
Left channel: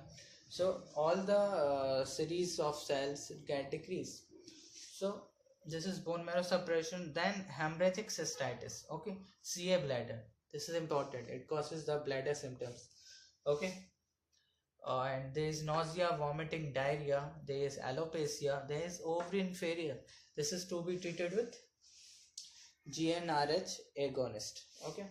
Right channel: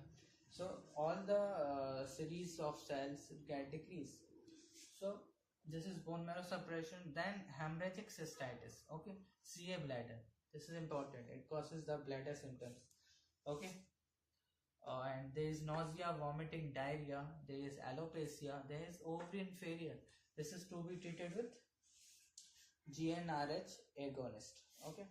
So all the series of cells get decreased. So this is bone marrow suppression. Then hemorrhagic cystitis. Okay, CA bladder. This is important. It causes the bladder symptoms. Okay. And there is nausea, vomiting, diarrhea. There is alopecia. There is ovarian failure. This is to be treated with GnRH agonist. Okay.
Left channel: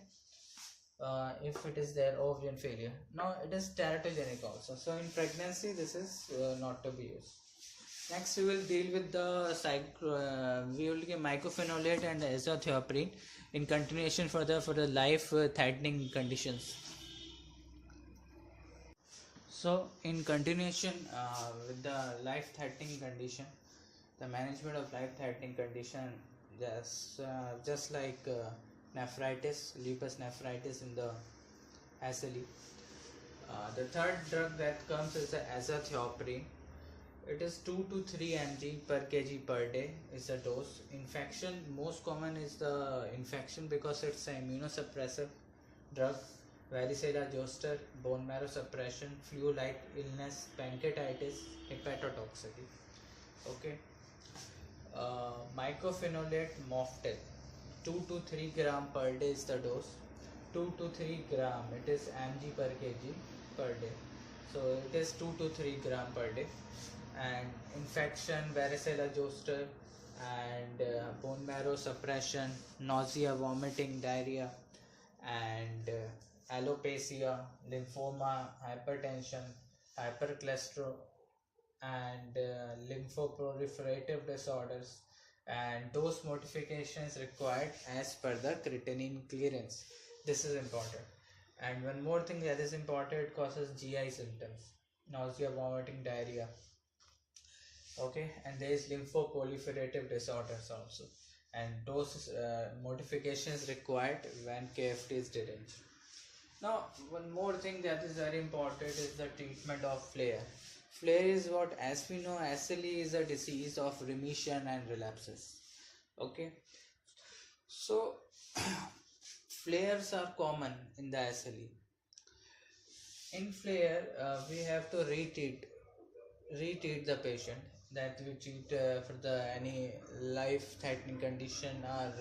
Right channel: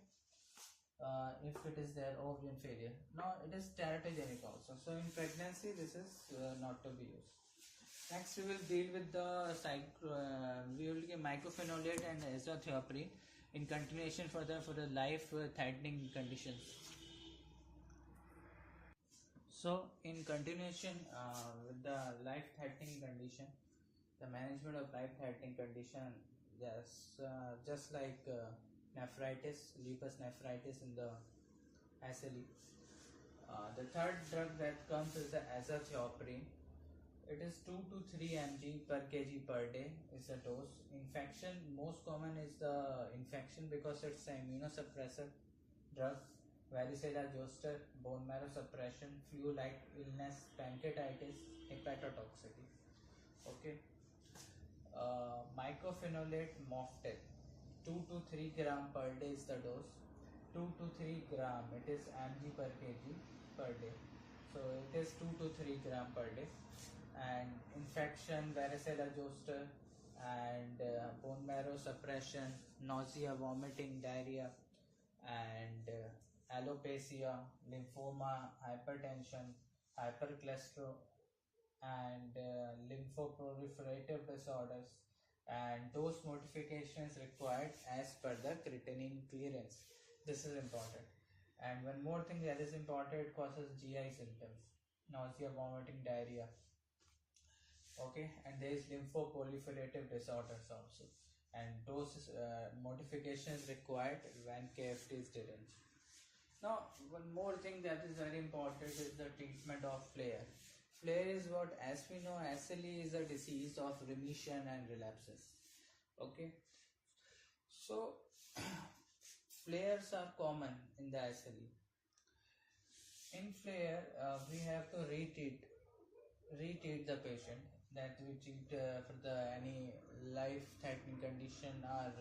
If it is there, ovarian failure. Now it is teratogenic also. So in pregnancy, this is not to be used. Next, we will deal with the we will give mycophenolate and azathioprine in continuation for the life threatening conditions. So in continuation with the life threatening condition, the management of life threatening condition, just like nephritis, lupus nephritis in the SLE. The third drug that comes is the azathioprine. It is 2 to 3 mg per kg per day is the dose. Infection, most common is the infection because it's an immunosuppressive drug. Varicella zoster, bone marrow suppression, flu-like illness, pancreatitis, hepatotoxicity. Okay. Mycophenolate mofetil, 2 to 3 gram per day is the dose. 2 to 3 gram, it is mg per kg per day. So it is 2 to 3 gram per day. And infection, varicella zoster, and bone marrow suppression, nausea, vomiting, diarrhea, and alopecia, lymphoma, hypertension, hypercholesterol, and lymphoproliferative disorders, and dose modifications required as per the creatinine clearance. This is important. And one more thing that is important, it causes GI symptoms, nausea, vomiting, diarrhea. Okay, and there is lymphoproliferative disorders also, and dose modifications required when KFT is deranged. Now, one more thing that is very important is the treatment of flare. Flare is what, as we know, SLE is a disease of remission and relapses. Okay, so flares are common in the SLE. In flare, we have to retreat the patient, that we treat for the any life-threatening condition or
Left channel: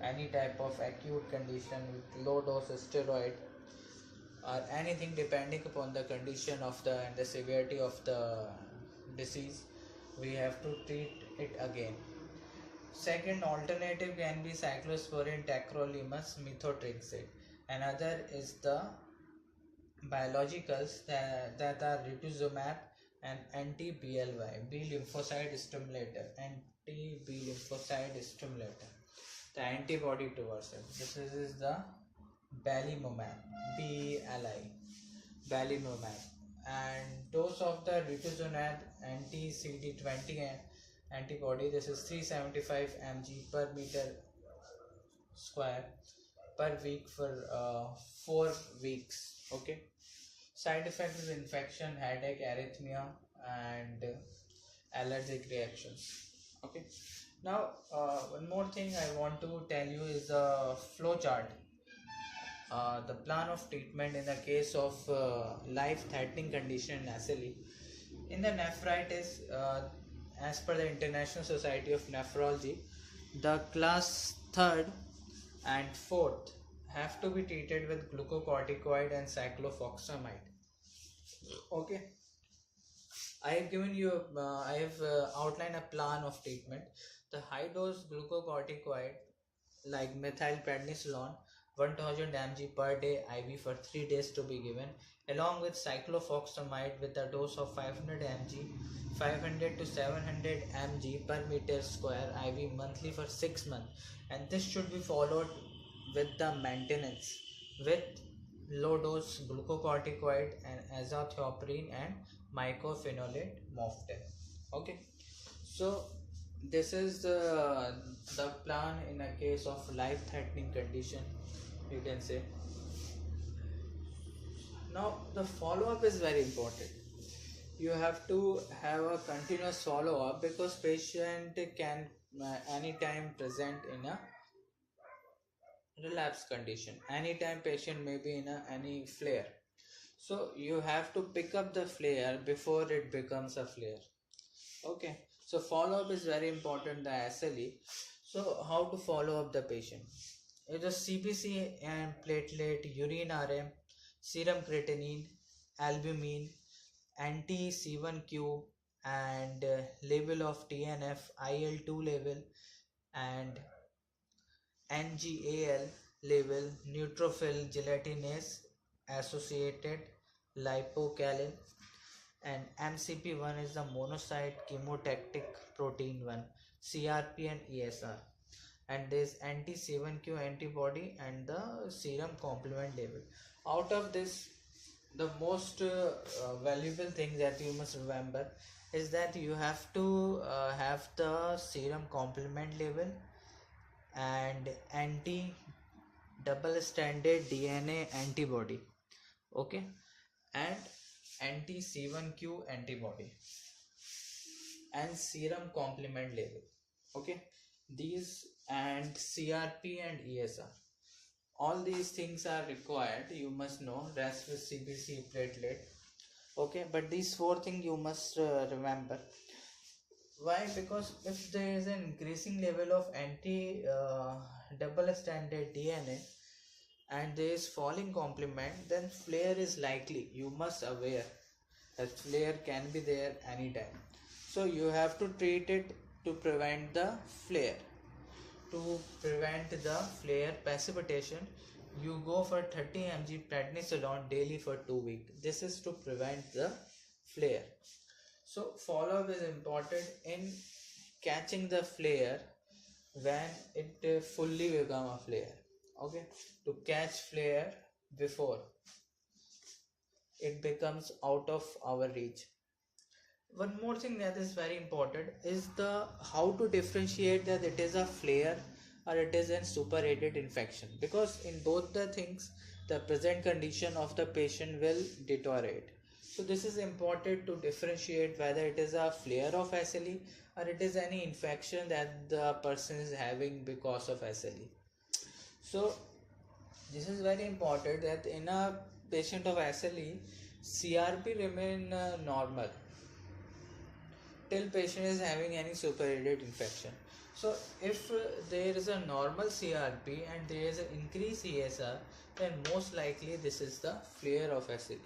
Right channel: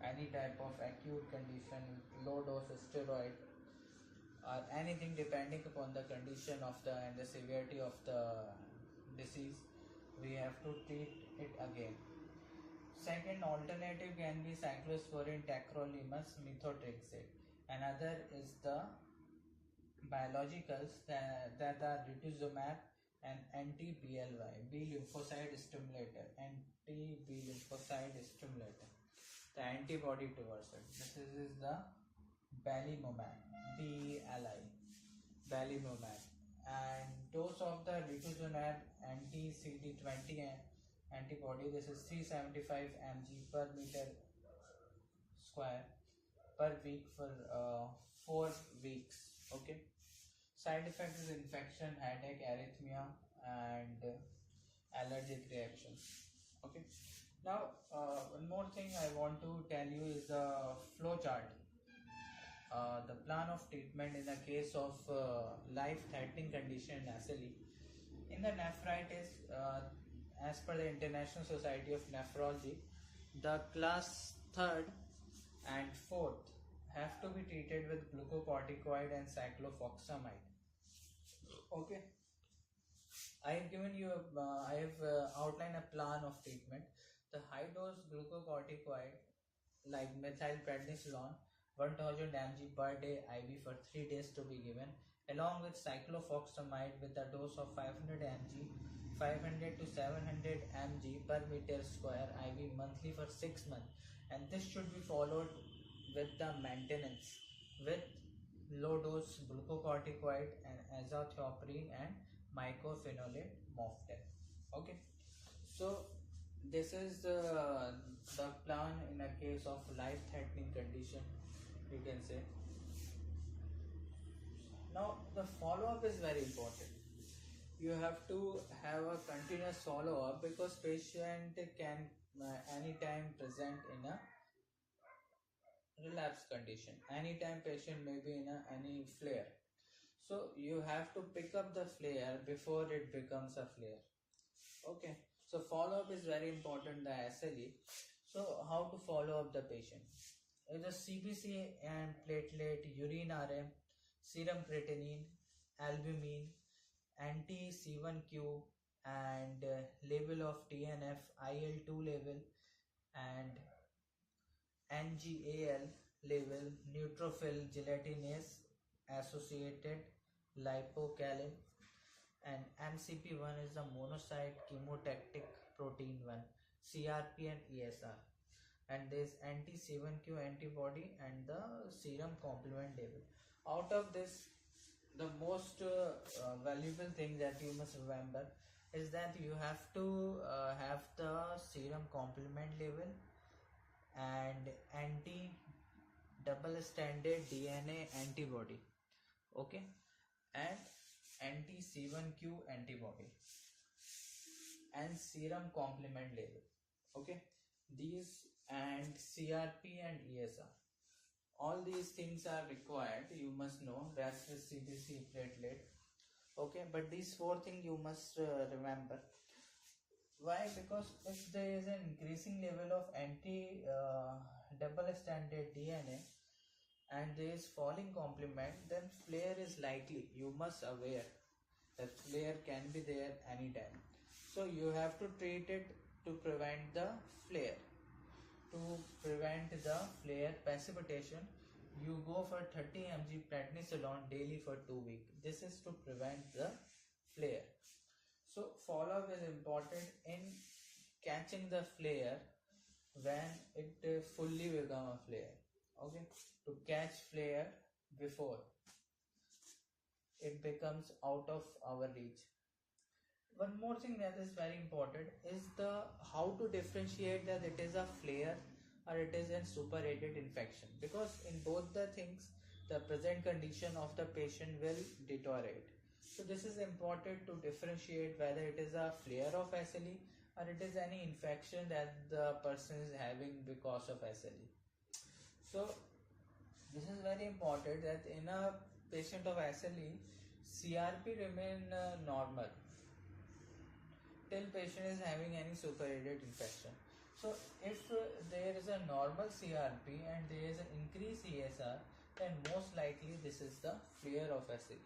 any type of acute condition with low dose steroid or anything depending upon the condition of the and the severity of the disease. We have to treat it again. Second alternative can be cyclosporin, tacrolimus, methotrexate. Another is the biologicals that are rituximab and anti-BLY, B lymphocyte stimulator, anti-B lymphocyte stimulator, the antibody towards it. This is the belimumab, BLI, belimumab. And dose of the rituximab anti-CD20 antibody, this is 375 mg per meter square per week for 4 weeks. Okay. Side effect is infection, headache, arrhythmia, and allergic reactions. Okay. Now, one more thing I want to tell you is the flow chart. The plan of treatment in the case of life-threatening condition in SLE. In the nephritis, as per the International Society of Nephrology, the class 3rd and 4th have to be treated with glucocorticoid and cyclophosphamide. Okay, I have given you I have outlined a plan of treatment. The high dose glucocorticoid like methylprednisolone 1000 mg per day IV for 3 days to be given, along with cyclophosphamide with a dose of 500 mg 500 to 700 mg per meter square IV monthly for 6 months, and this should be followed with the maintenance with low dose glucocorticoid and azathioprine and mycophenolate mofetil. Okay, so this is the plan in a case of life threatening condition, you can say. Now the follow up is very important. You have to have a continuous follow up because patient can anytime present in a relapse condition. Anytime patient may be in any flare. So you have to pick up the flare before it becomes a flare. Okay. So follow up is very important, the SLE. So how to follow up the patient? It is CBC and platelet, urine RM, serum creatinine, albumin, anti-C1q, and level of TNF, IL-2 level, and NGAL level, neutrophil gelatinase associated lipocalin, and MCP1 is the monocyte chemotactic protein 1, CRP and ESR, and there is anti-C1q antibody and the serum complement level. Out of this, the most valuable thing that you must remember is that you have to have the serum complement level and anti double stranded DNA antibody, okay, and anti C1q antibody and serum complement level, okay, these and CRP and ESR, all these things are required. You must know rest with CBC, platelet, okay, but these four things you must remember. Why? Because if there is an increasing level of anti double stranded DNA and there is falling complement, then flare is likely. You must aware that flare can be there anytime. So you have to treat it to prevent the flare. To prevent the flare precipitation, you go for 30 mg prednisolone daily for 2 weeks. This is to prevent the flare. So follow up is important in catching the flare when it fully become a flare. Okay, to catch flare before it becomes out of our reach. One more thing that is very important is the how to differentiate that it is a flare or it is a superadded infection, because in both the things the present condition of the patient will deteriorate. So this is important to differentiate whether it is a flare of SLE or it is any infection that the person is having because of SLE. So this is very important that in a patient of SLE, CRP remain normal till patient is having any superadded infection. So if there is a normal CRP and there is an increased ESR, then most likely this is the flare of SLE.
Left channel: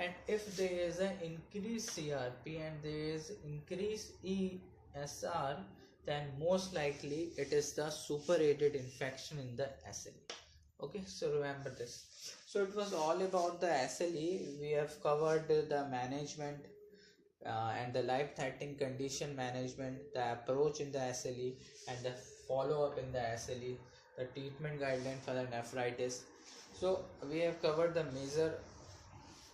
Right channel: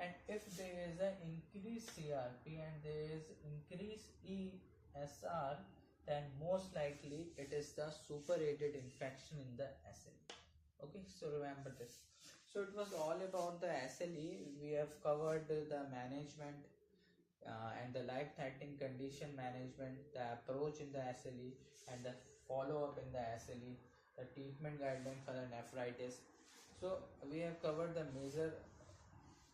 And if there is an increased CRP and there is increased ESR, then most likely it is the superadded infection in the SLE. Okay, so remember this. So it was all about the SLE. We have covered the management and the life-threatening condition management, the approach in the SLE, and the follow-up in the SLE, the treatment guideline for the nephritis. So we have covered the major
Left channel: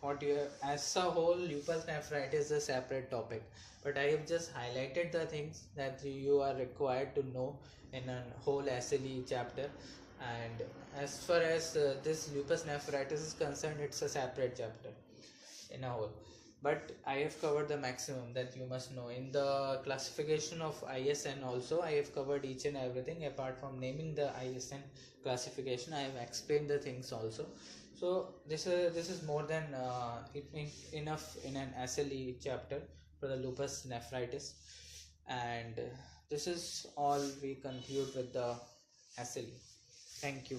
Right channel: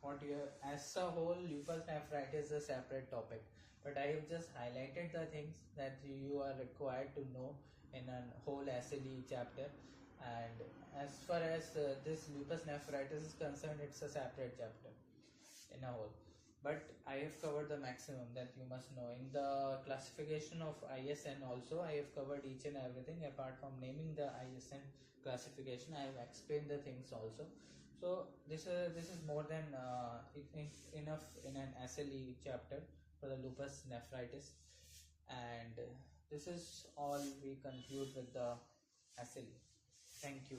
what you have, as a whole lupus nephritis is a separate topic, but I have just highlighted the things that you are required to know in a whole SLE chapter. And as far as this lupus nephritis is concerned, it's a separate chapter in a whole, but I have covered the maximum that you must know. In the classification of ISN also I have covered each and everything. Apart from naming the ISN classification, I have explained the things also. So this is more than enough in an SLE chapter for the lupus nephritis, and this is all we conclude with the SLE. Thank you.